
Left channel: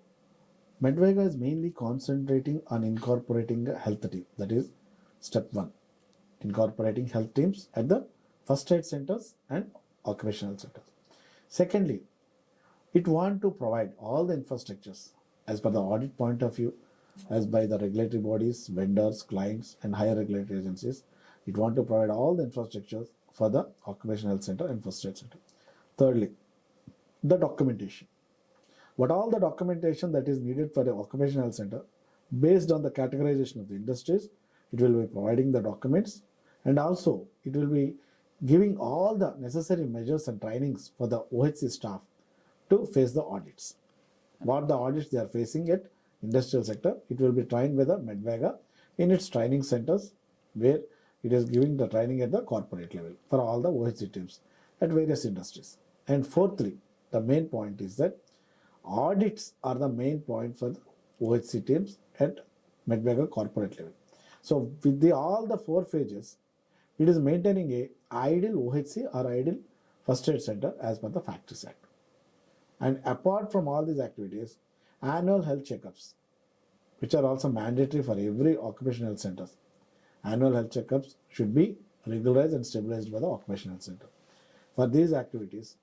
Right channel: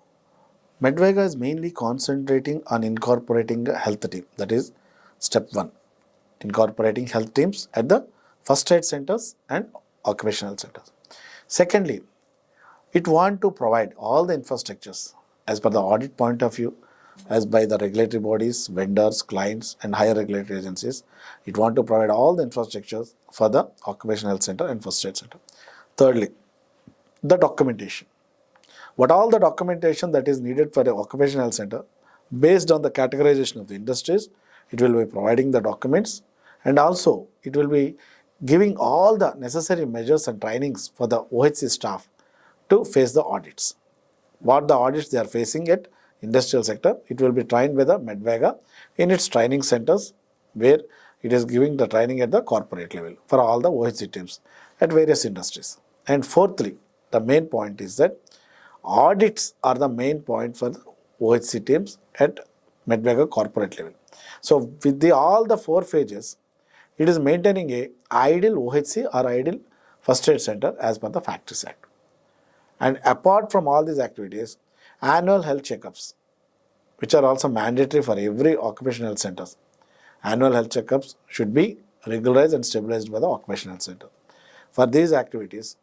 Medvega is mainly concentrating on incorporating a health team. That is step one, incorporating health teams at the first aid centers and occupational centers. Secondly, it want to provide all the infrastructures as per the audit point of view, as by the regulatory bodies, vendors, clients, and higher regulatory agencies. It want to provide all the infrastructures for the occupational health center and first aid center. Thirdly, the documentation. What all the documentation that is needed for the occupational health center, based on the categorization of the industries, it will be providing the documents, and also it will be giving all the necessary measures and trainings for the OHC staff to face the audits. What the audits they are facing at industrial sector, it will be trained by the Medvega in its training centers, where it is giving the training at the corporate level for all the OHC teams at various industries. And fourthly, the main point is that audits are the main point for the OHC teams at Medvega corporate level. So with all the four phases, it is maintaining a ideal OHC or ideal first aid center as per the Factories Act. And apart from all these activities, annual health checkups, which are also mandatory for every occupational health center. Annual health checkups should be regularized and stabilized by the occupational health center. For these activities,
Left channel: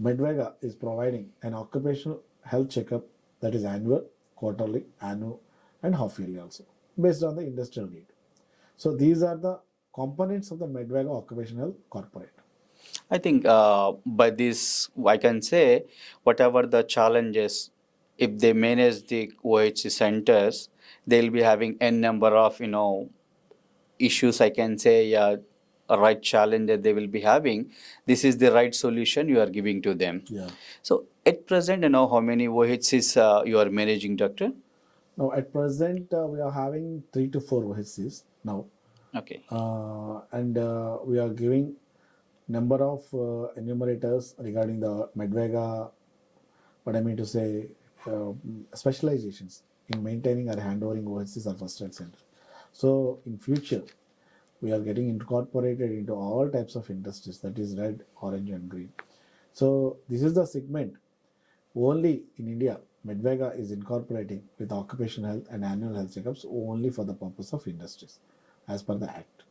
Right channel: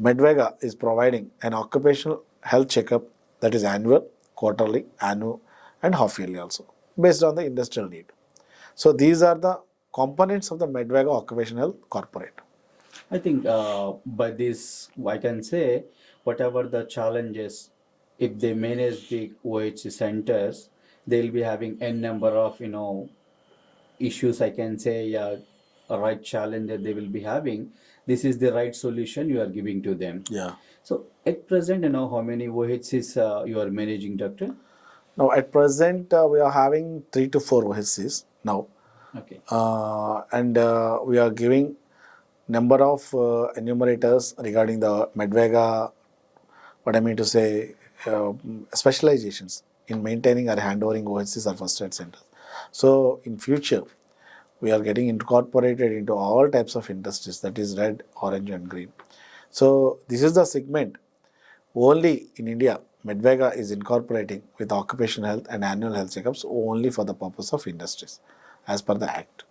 Medvega is providing an occupational health checkup that is annual, quarterly, annual, and half yearly also, based on the industrial need. So these are the components of the Medvega Occupational Health Corporate. I think by this, I can say whatever the challenges, if they manage the OHC centers, they'll be having n number of issues. I can say, yeah, a right challenge that they will be having. This is the right solution you are giving to them. Yeah. So at present, how many OHCs you are managing, doctor? Now at present, we are having 3 to 4 OHCs now. Okay. And we are giving number of enumerators regarding the Medvega, what I mean to say, specializations in maintaining or handovering OHCs or first aid centers. So in future, we are getting incorporated into all types of industries, that is red, orange, and green. So this is the segment only in India. Medvega is incorporating with occupational health and annual health checkups only for the purpose of industries, as per the Act.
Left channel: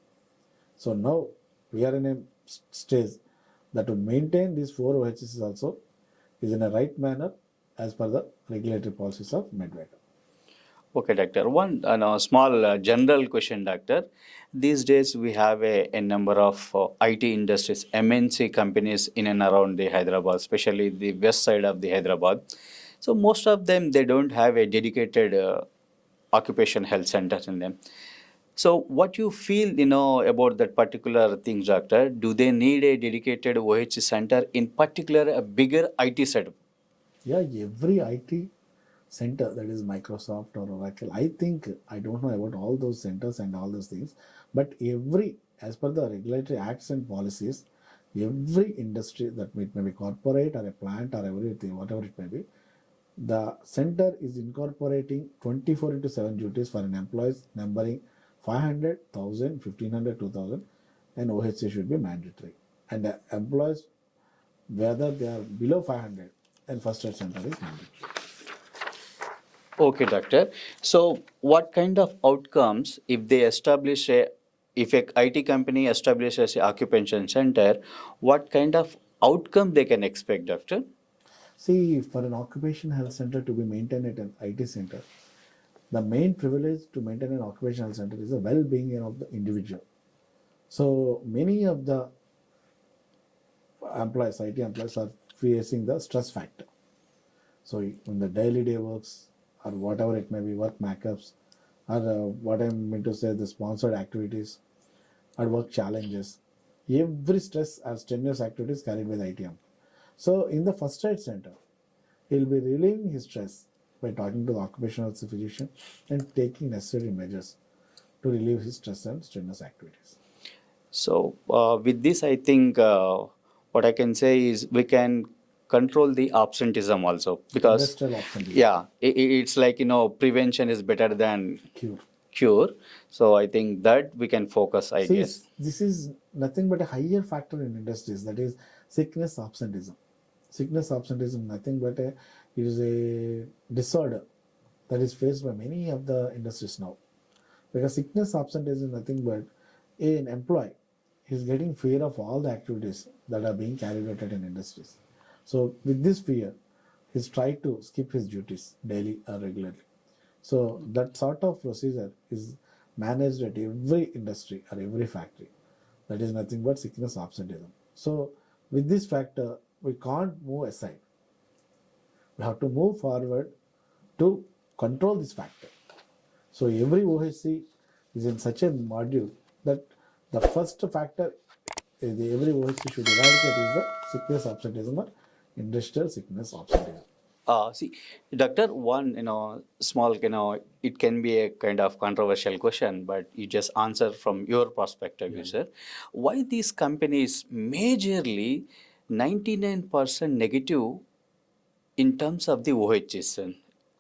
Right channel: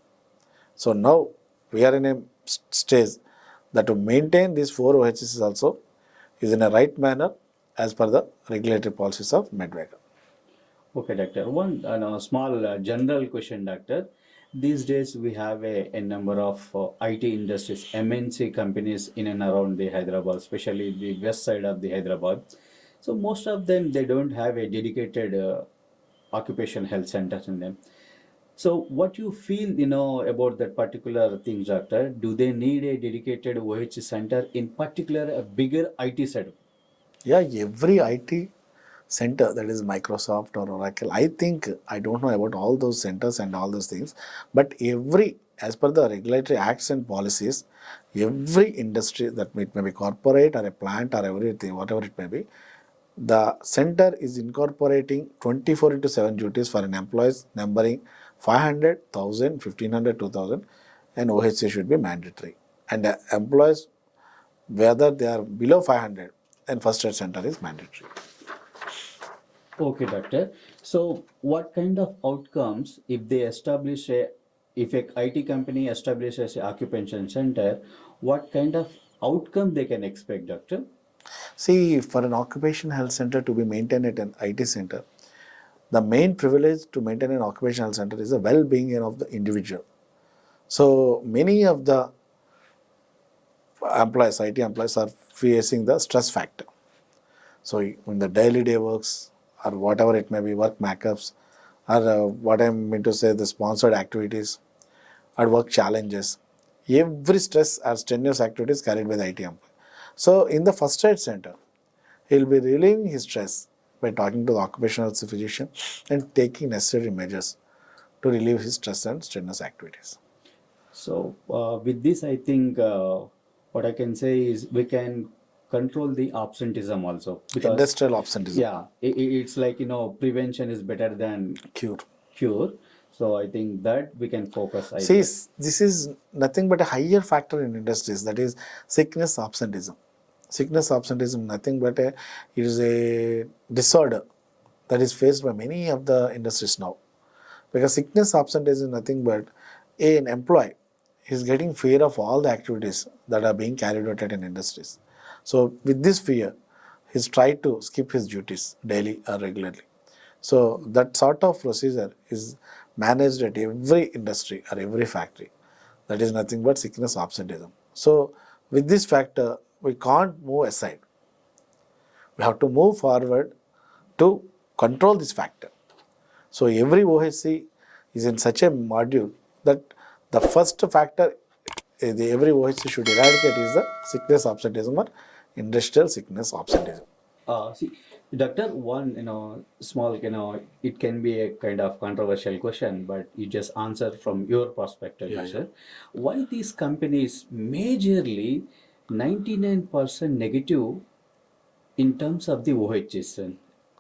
So now we are in a stage that to maintain these 4 OHCs also is in a right manner as per the regulatory policies of Medvega. Okay, doctor. One small general question, doctor. These days we have a number of IT industries, MNC companies in and around the Hyderabad, especially the west side of the Hyderabad. So most of them, they don't have a dedicated occupation health centers in them. So what you feel, about that particular thing, doctor? Do they need a dedicated OH center, in particular a bigger IT setup? Yeah, every IT center, that is Microsoft or Oracle, I think, I don't know about all those centers and all those things, but every, as per the regulatory acts and policies, every industry, that it may be corporate or a plant or everything, whatever it may be, the center is incorporating 24 into 7 duties for an employees numbering 500, 1000, 1500, 2000, and OHC should be mandatory. And the employees, whether they are below 500, then first aid center is mandatory. Okay, doctor. So, what kind of outcomes if they establish if a IT company establishes a occupation center, what kind of outcome they can expect, doctor? See, for an occupational health center to be maintained at an IT center, the main privilege to maintain an occupational health center is the well-being of the individual. So many of the employees, IT employees, are facing the stress factor. So in the daily day works or whatever it may be, work backups, or what I mean to say, the sponsored activities or work challenges, every stress or strenuous activities carried by the IT employee. So in the first aid center, he'll be relieving his stress by talking to the occupational health physician and taking necessary measures to relieve his stress and strenuous activities. So with this, I think what I can say is we can control the absenteeism also, because Industrial absenteeism. yeah, it's like, prevention is better than Cure. cure. So I think that we can focus, I See, guess. this is nothing but a higher factor in industries, that is sickness absenteeism. Sickness absenteeism, nothing but it is a disorder that is faced by many of the industries now. Because sickness absenteeism is nothing but an employee is getting fear of all the activities that are being carried out in industries. So with this fear, he's tried to skip his duties daily or regularly. So that sort of procedure is managed at every industry or every factory. That is nothing but sickness absenteeism. So with this factor, we can't move aside. We have to move forward to control this factor. So every OHC is in such a module that the first factor every OHC should eradicate is the sickness absenteeism or industrial sickness absenteeism. See, Doctor, one, small, it can be a kind of controversial question, but you just answer from your perspective, you said. Why these companies majorly 99% negative in terms of the OHS,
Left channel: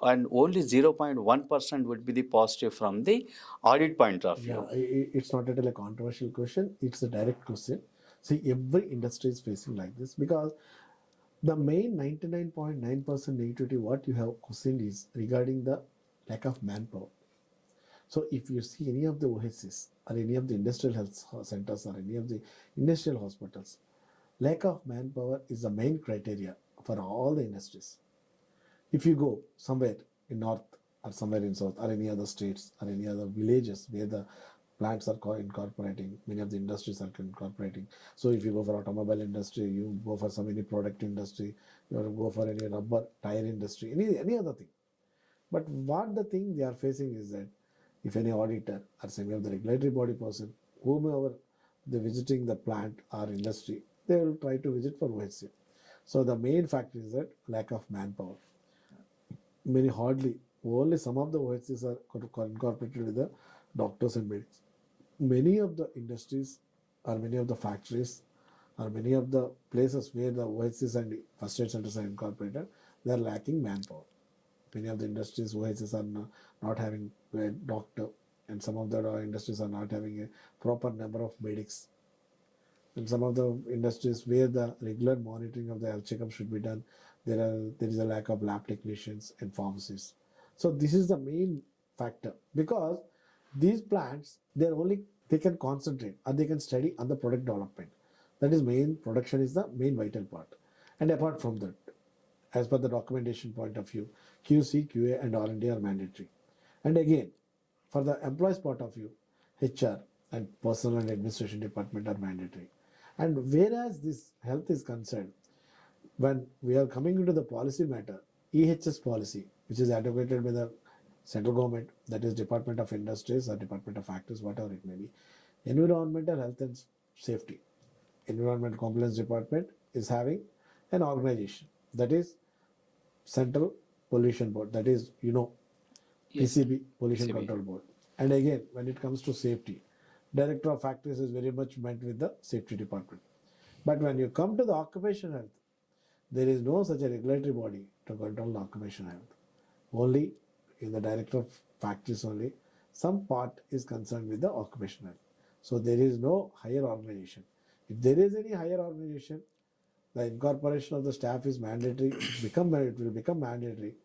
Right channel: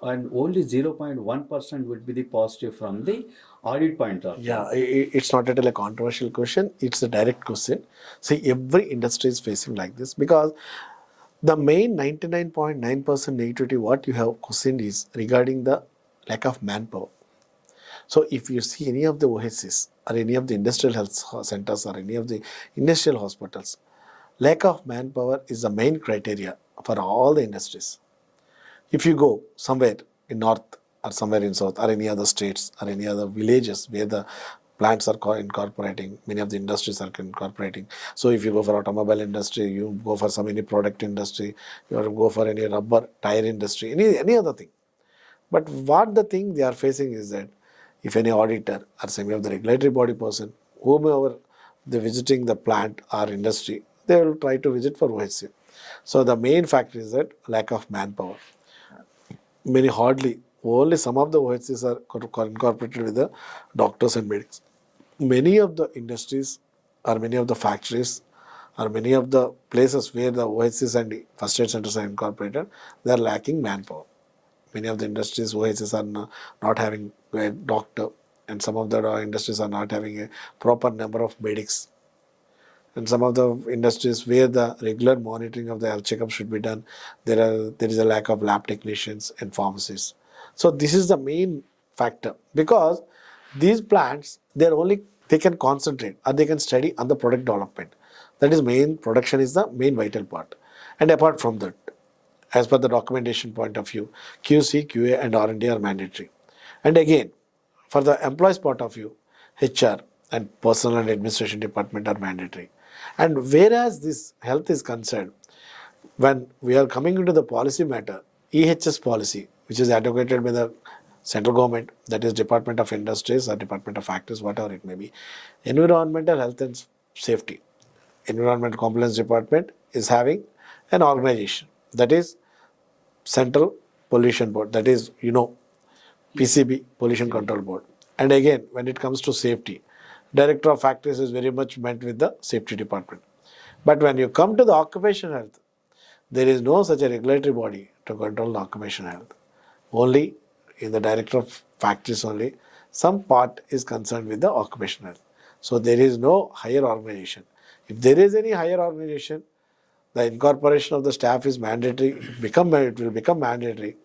and only 0.1% would be the positive from the audit point of view? Yeah, it's not at all a controversial question. It's a direct question. See, every industry is facing like this because the main 99.9% negativity what you have questioned is regarding the lack of manpower. So if you see any of the OHCs or any of the industrial health centers or any of the industrial hospitals, lack of manpower is the main criteria for all the industries. If you go somewhere in north or somewhere in south or any other states or any other villages where the plants are incorporating, many of the industries are incorporating. So if you go for automobile industry, you go for some any product industry, you go for any rubber tire industry, any other thing. But what the thing they are facing is that if any auditor or some of the regulatory body person, whomever they visiting the plant or industry, they will try to visit for OHC. So the main factor is that lack of manpower. Many hardly, only some of the OHCs are incorporated with the doctors and medics. Many of the industries or many of the factories or many of the places where the OHCs and first aid centers are incorporated, they are lacking manpower. Many of the industries, OHCs are not having a doctor, and some of the industries are not having a proper number of medics. And some of the industries where the regular monitoring of the health checkup should be done, there is a lack of lab technicians and pharmacists. So this is the main factor because these plants they can concentrate or they can study on the product development. That is main production is the main vital part. And apart from that, as per the documentation point of view, QC, QA, and R&D are mandatory. And again, for the employees' point of view, HR and personal and administration department are mandatory. And whereas this health is concerned, when we are coming into the policy matter, EHS policy, which is advocated by the central government, that is Department of Industries or Department of Factories, whatever it may be, environmental health and safety, Environmental Compliance Department is having an organization that is Central Pollution Board, that is, PCB, Pollution Control Board. And again, when it comes to safety, Director of Factories is very much meant with the safety department. But when you come to the occupational health, there is no such a regulatory body to control the occupational health. Only in the Director of Factories only, some part is concerned with the occupational health. So there is no higher organization. If there is any higher organization, the incorporation of the staff is mandatory, it will become mandatory,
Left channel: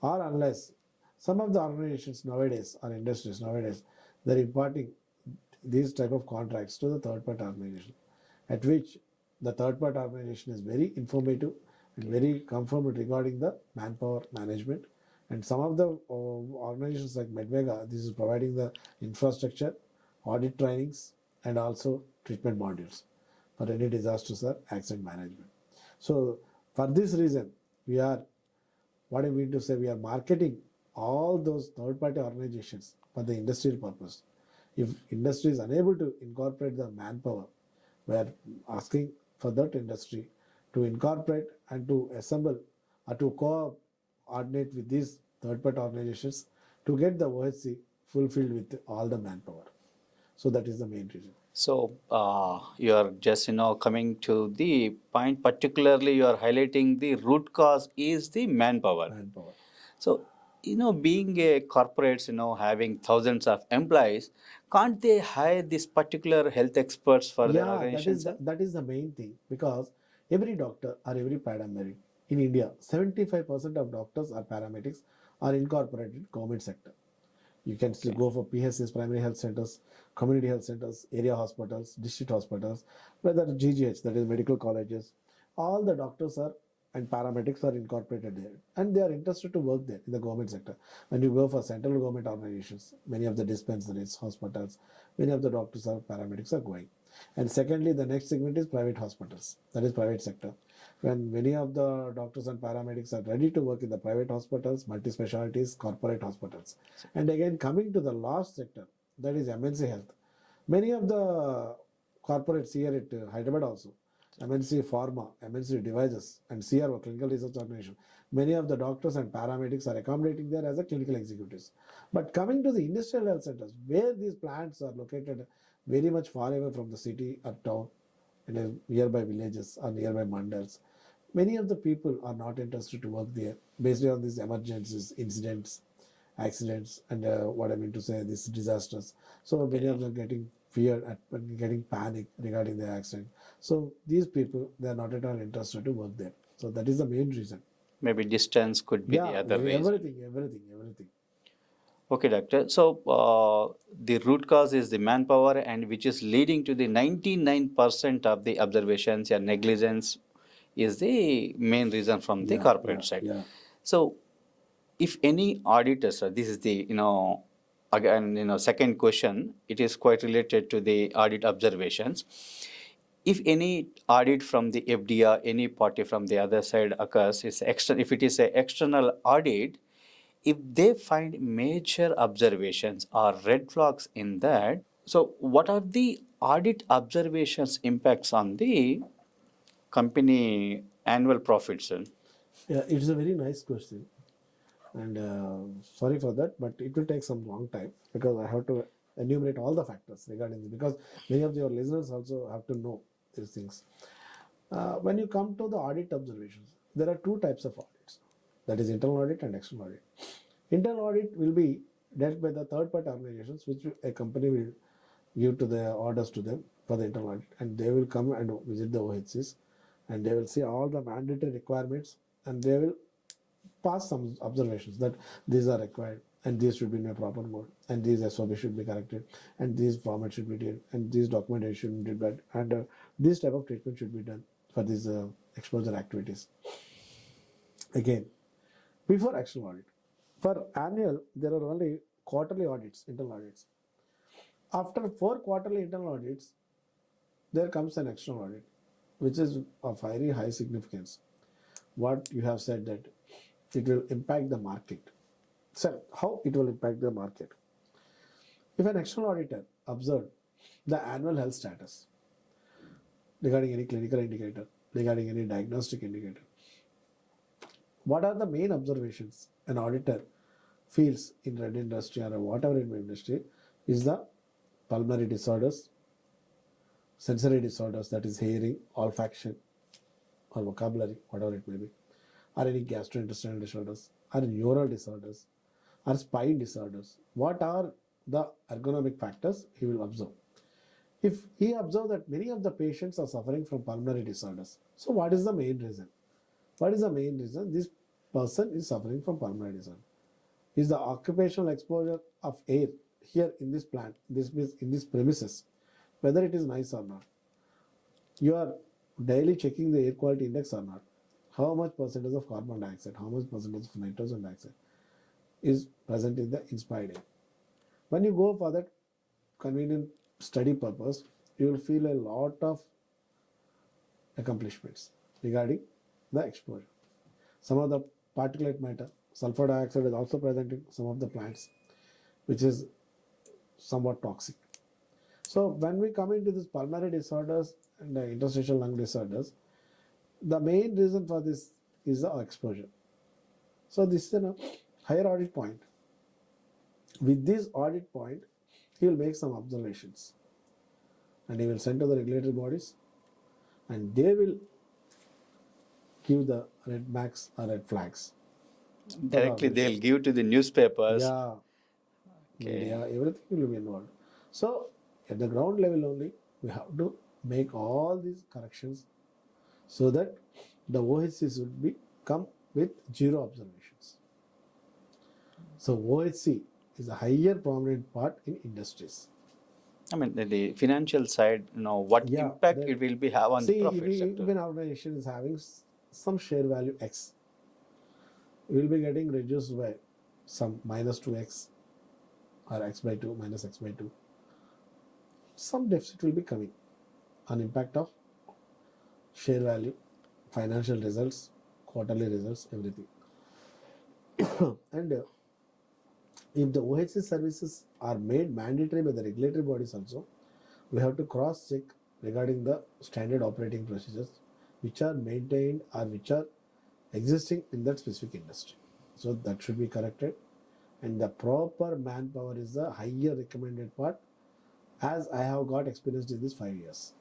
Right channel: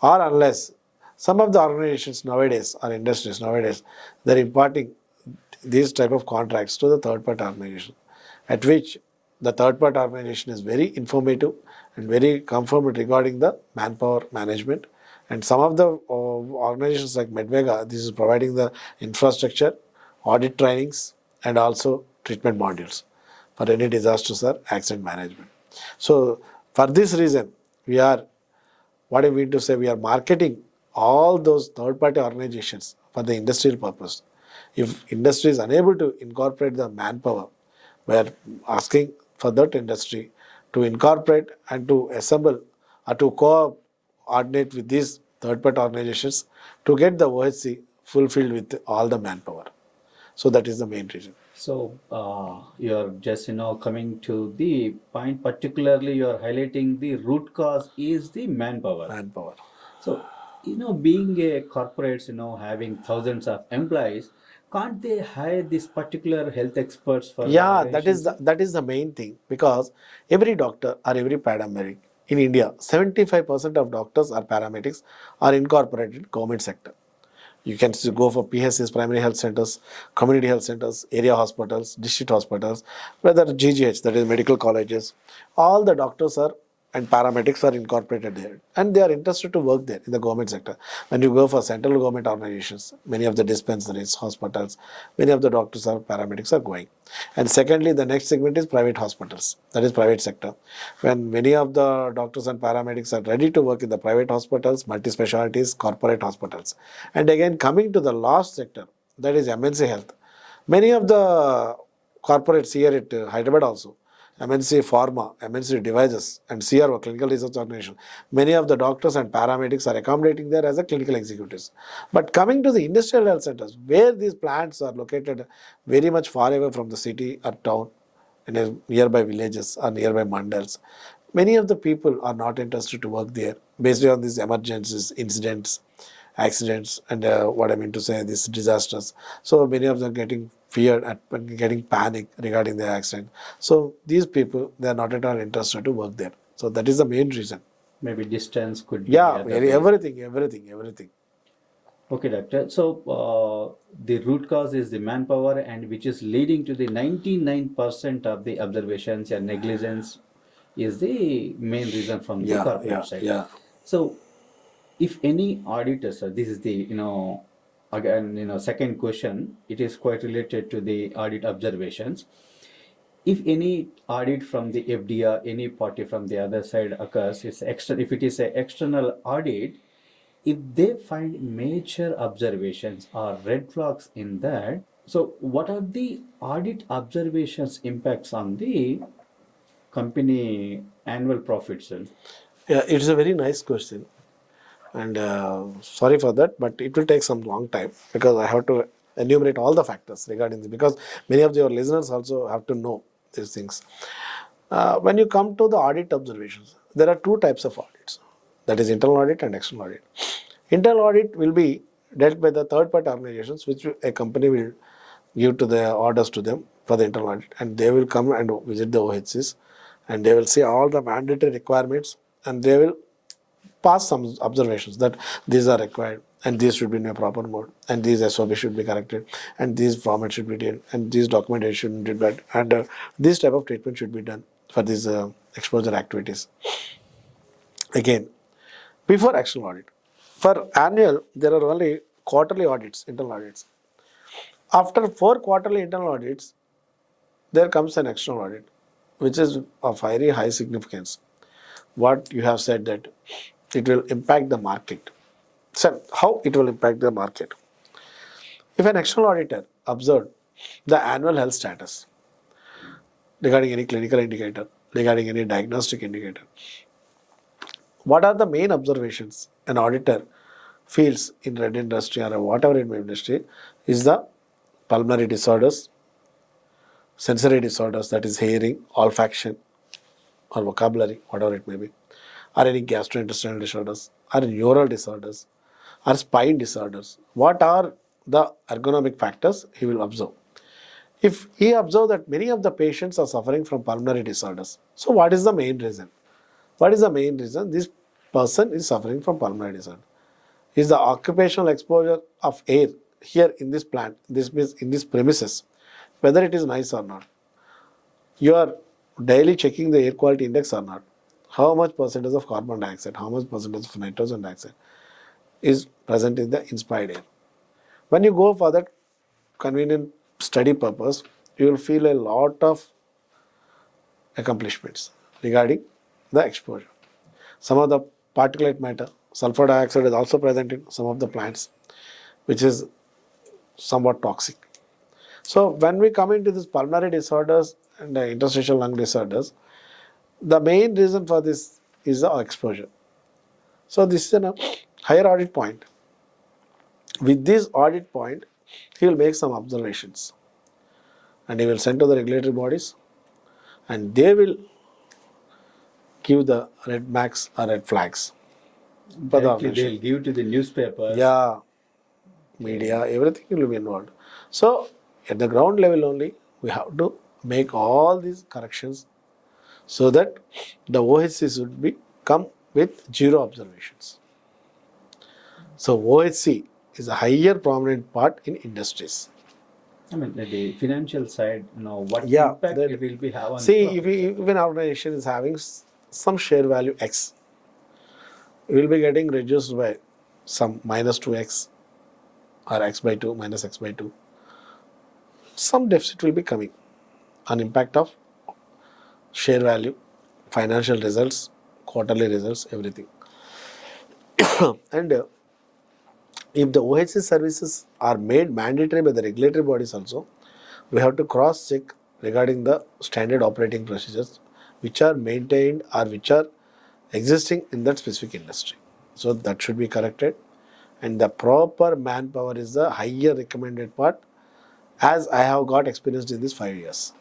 or unless some of the organizations nowadays or industries nowadays, they're imparting these type of contracts to the third party organization, at which the third party organization is very informative and very confirmed regarding the manpower management. And some of the organizations like Medvega, this is providing the infrastructure, audit trainings, and also treatment modules for any disasters or accident management. So for this reason, we are, what I mean to say, we are marketing all those third-party organizations for the industrial purpose. If industry is unable to incorporate the manpower, we are asking for that industry to incorporate and to assemble or to coordinate with these third-party organizations to get the OHC fulfilled with all the manpower. So that is the main reason. So you are just coming to the point. Particularly, you are highlighting the root cause is the manpower. Manpower. So being a corporates, having thousands of employees, can't they hire this particular health experts for the Yeah, organization? that is the main thing, because every doctor or every paramedic in India, 75% of doctors or paramedics are incorporated in government sector. You can still go for PHCs, primary health centers, community health centers, area hospitals, district hospitals, whether GGH, that is medical colleges. All the doctors are and paramedics are incorporated there, and they are interested to work there in the government sector. When you go for central government organizations, many of the dispensaries, hospitals, many of the doctors or paramedics are going. And secondly, the next segment is private hospitals, that is private sector. When many of the doctors and paramedics are ready to work in the private hospitals, multi-specialties, corporate hospitals. And again, coming to the last sector, that is MNC health. Many of the corporates here at Hyderabad also, MNC Pharma, MNC Devices, and CRO, Clinical Research Organization. Many of the doctors and paramedics are accommodating there as a clinical executives. But coming to the industrial health centers, where these plants are located very much far away from the city or town, in nearby villages or nearby mandals, many of the people are not interested to work there based on these emergencies, incidents, accidents, and what I mean to say, these disasters. So many of them getting feared and getting panic regarding the accident. So these people, they are not at all interested to work there. So that is the main reason. Maybe distance could be the Yeah, other way. everything. Okay, doctor. So the root cause is the manpower, and which is leading to the 99% of the observations and negligence is the main reason from the corporate side. Yeah. So if any auditors, this is the again second question. It is quite related to the audit observations. If any audit from the FDA, any party from the other side occurs, it's extra. If it is a external audit, if they find major observations or red flags in that, so what are the audit observations impacts on the company annual profits? Yeah, it's a very nice question. And sorry for that, but it will take some long time because I have to enumerate all the factors regarding this, because many of your listeners also have to know these things. When you come to the audit observations, there are two types of audits, that is internal audit and external audit. Internal audit will be dealt by the third party organizations, which a company will give to the orders to them for the internal audit, and they will come and visit the OHCs, and they will see all the mandatory requirements, and they will pass some observations that these are required and these should be in a proper mode and these SOP should be corrected and these formats should be done and these documentation should be done and this type of treatment should be done for these exposure activities. Again, before external audit, for annual there are only quarterly audits, internal audits. After 4 quarterly internal audits, there comes an external audit, which is of very high significance. What you have said that it will impact the market. So, how it will impact the market? If an external auditor observed the annual health status regarding any clinical indicator, regarding any diagnostic indicator, what are the main observations an auditor feels in red industry or whatever in industry is the pulmonary disorders, sensory disorders, that is hearing, olfaction, or vocabulary, whatever it may be, or any gastrointestinal disorders, or neural disorders, or spine disorders. What are the ergonomic factors he will observe? If he observes that many of the patients are suffering from pulmonary disorders, so what is the main reason? What is the main reason this person is suffering from pulmonary disorder? Is the occupational exposure of air here in this plant, this means in these premises, whether it is nice or not? You are daily checking the air quality index or not? How much percentage of carbon dioxide, how much percentage of nitrogen dioxide is present in the inspired air? When you go for that convenient study purpose, you will feel a lot of accomplishments regarding the exposure. Some of the particulate matter, sulfur dioxide is also present in some of the plants, which is somewhat toxic. So when we come into these pulmonary disorders and interstitial lung disorders, The main reason for this is the exposure. So this is a higher audit point. With this audit point, he will make some observations and he will send to the regulatory bodies and they will give the red marks or red flags for the Directly organization. they'll give to the newspapers. Yeah, media, everything will be involved. So at the ground level only, we have to make all these corrections so that the OHC should be come with zero observations. So OHC is a higher prominent part in industries. I mean, the financial side, what Yeah, impact then it will be have on see the profit if an organization is having some share value X, it will be getting reduced by some minus 2x or x by 2 minus x by 2. Some deficit will be coming on impact of share value, financial results, quarterly results, everything. And if the OHC services are made mandatory by the regulatory bodies also, we have to cross check regarding the standard operating procedures which are maintained or which are existing in that specific industry. So that should be corrected. And the proper manpower is the higher recommended part, as I have got experienced in these 5 years.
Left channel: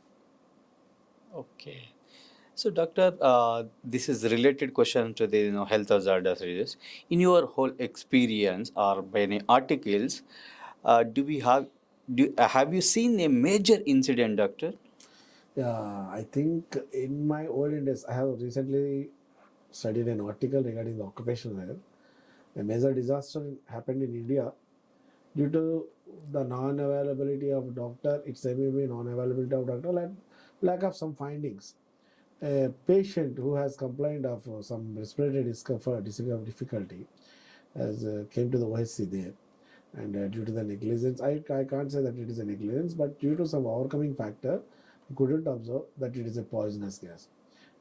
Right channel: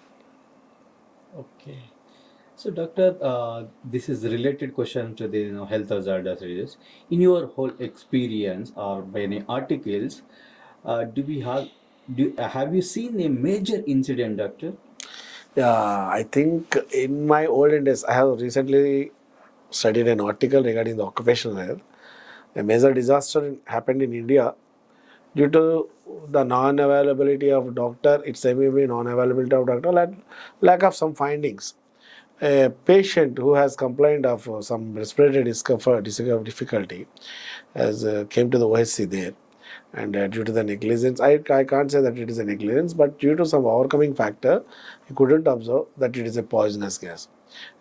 Okay. So, doctor, this is related question to the health hazard series. In your whole experience or by any articles, do we have you seen a major incident, doctor? Yeah, I think in my olden days, I have recently studied an article regarding the occupational health. A major disaster happened in India due to the non-availability of doctor. It's maybe non-availability of doctor and lack of some findings. A patient who has complained of some respiratory difficulty has came to the OHC there, and due to the negligence, I can't say that it is a negligence, but due to some overcoming factor, he couldn't observe that it is a poisonous gas.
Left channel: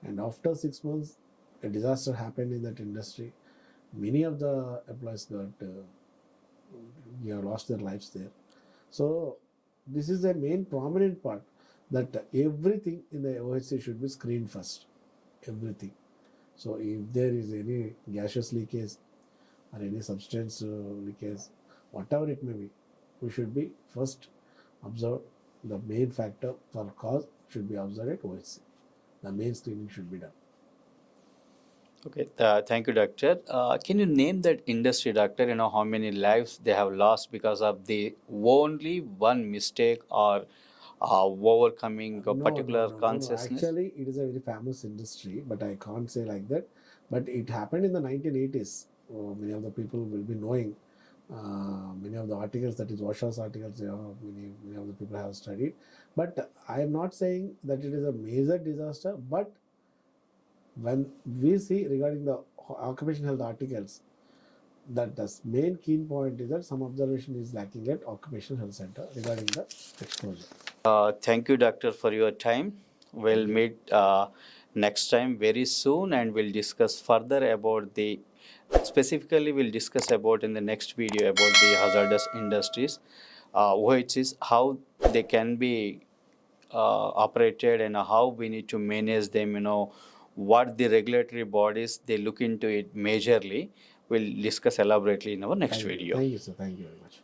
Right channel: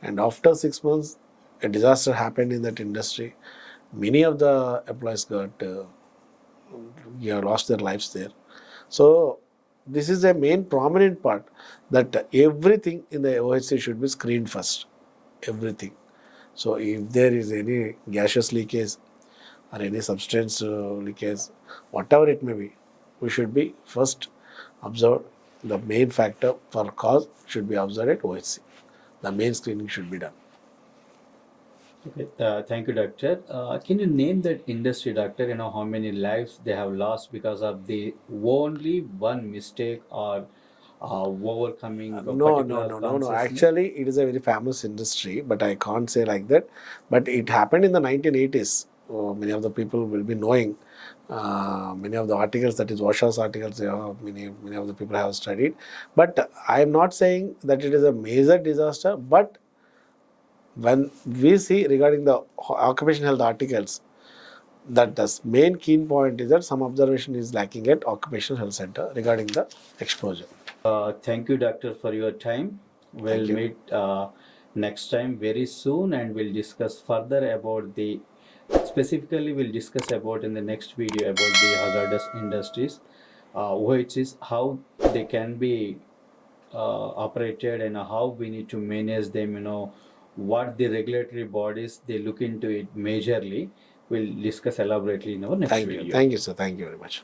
And after 6 months, a disaster happened in that industry. Many of the employees got lost their lives there. So this is a main prominent part that everything in the OHC should be screened first. Everything. So if there is any gaseous leakage or any substance leakage, whatever it may be, we should be first observed. The main factor for cause should be observed at OHC. The main screening should be done. Okay, thank you, doctor. Can you name that industry, doctor? How many lives they have lost because of the only one mistake or overcoming a particular No. consciousness? Actually, it is a very famous industry, but I can't say like that. But it happened in the 1980s. Many of the people will be knowing. Many of the articles, that is Washer's articles, many of the people have studied. But I am not saying that it is a major disaster. But when we see regarding the occupational health articles, that the main key point is that some observation is lacking at Occupational Health Center regarding the exposure. Thank you, doctor, for your time. We'll Thank you. meet next time very soon, and we'll discuss further about the. Specifically, we'll discuss about in the next video about the hazardous industries, which is how they can be operated and how we need to manage them. What the regulatory bodies they look into it majorly. We'll discuss elaborately in our next Thank you. video. Thank you, sir. Thank you very much.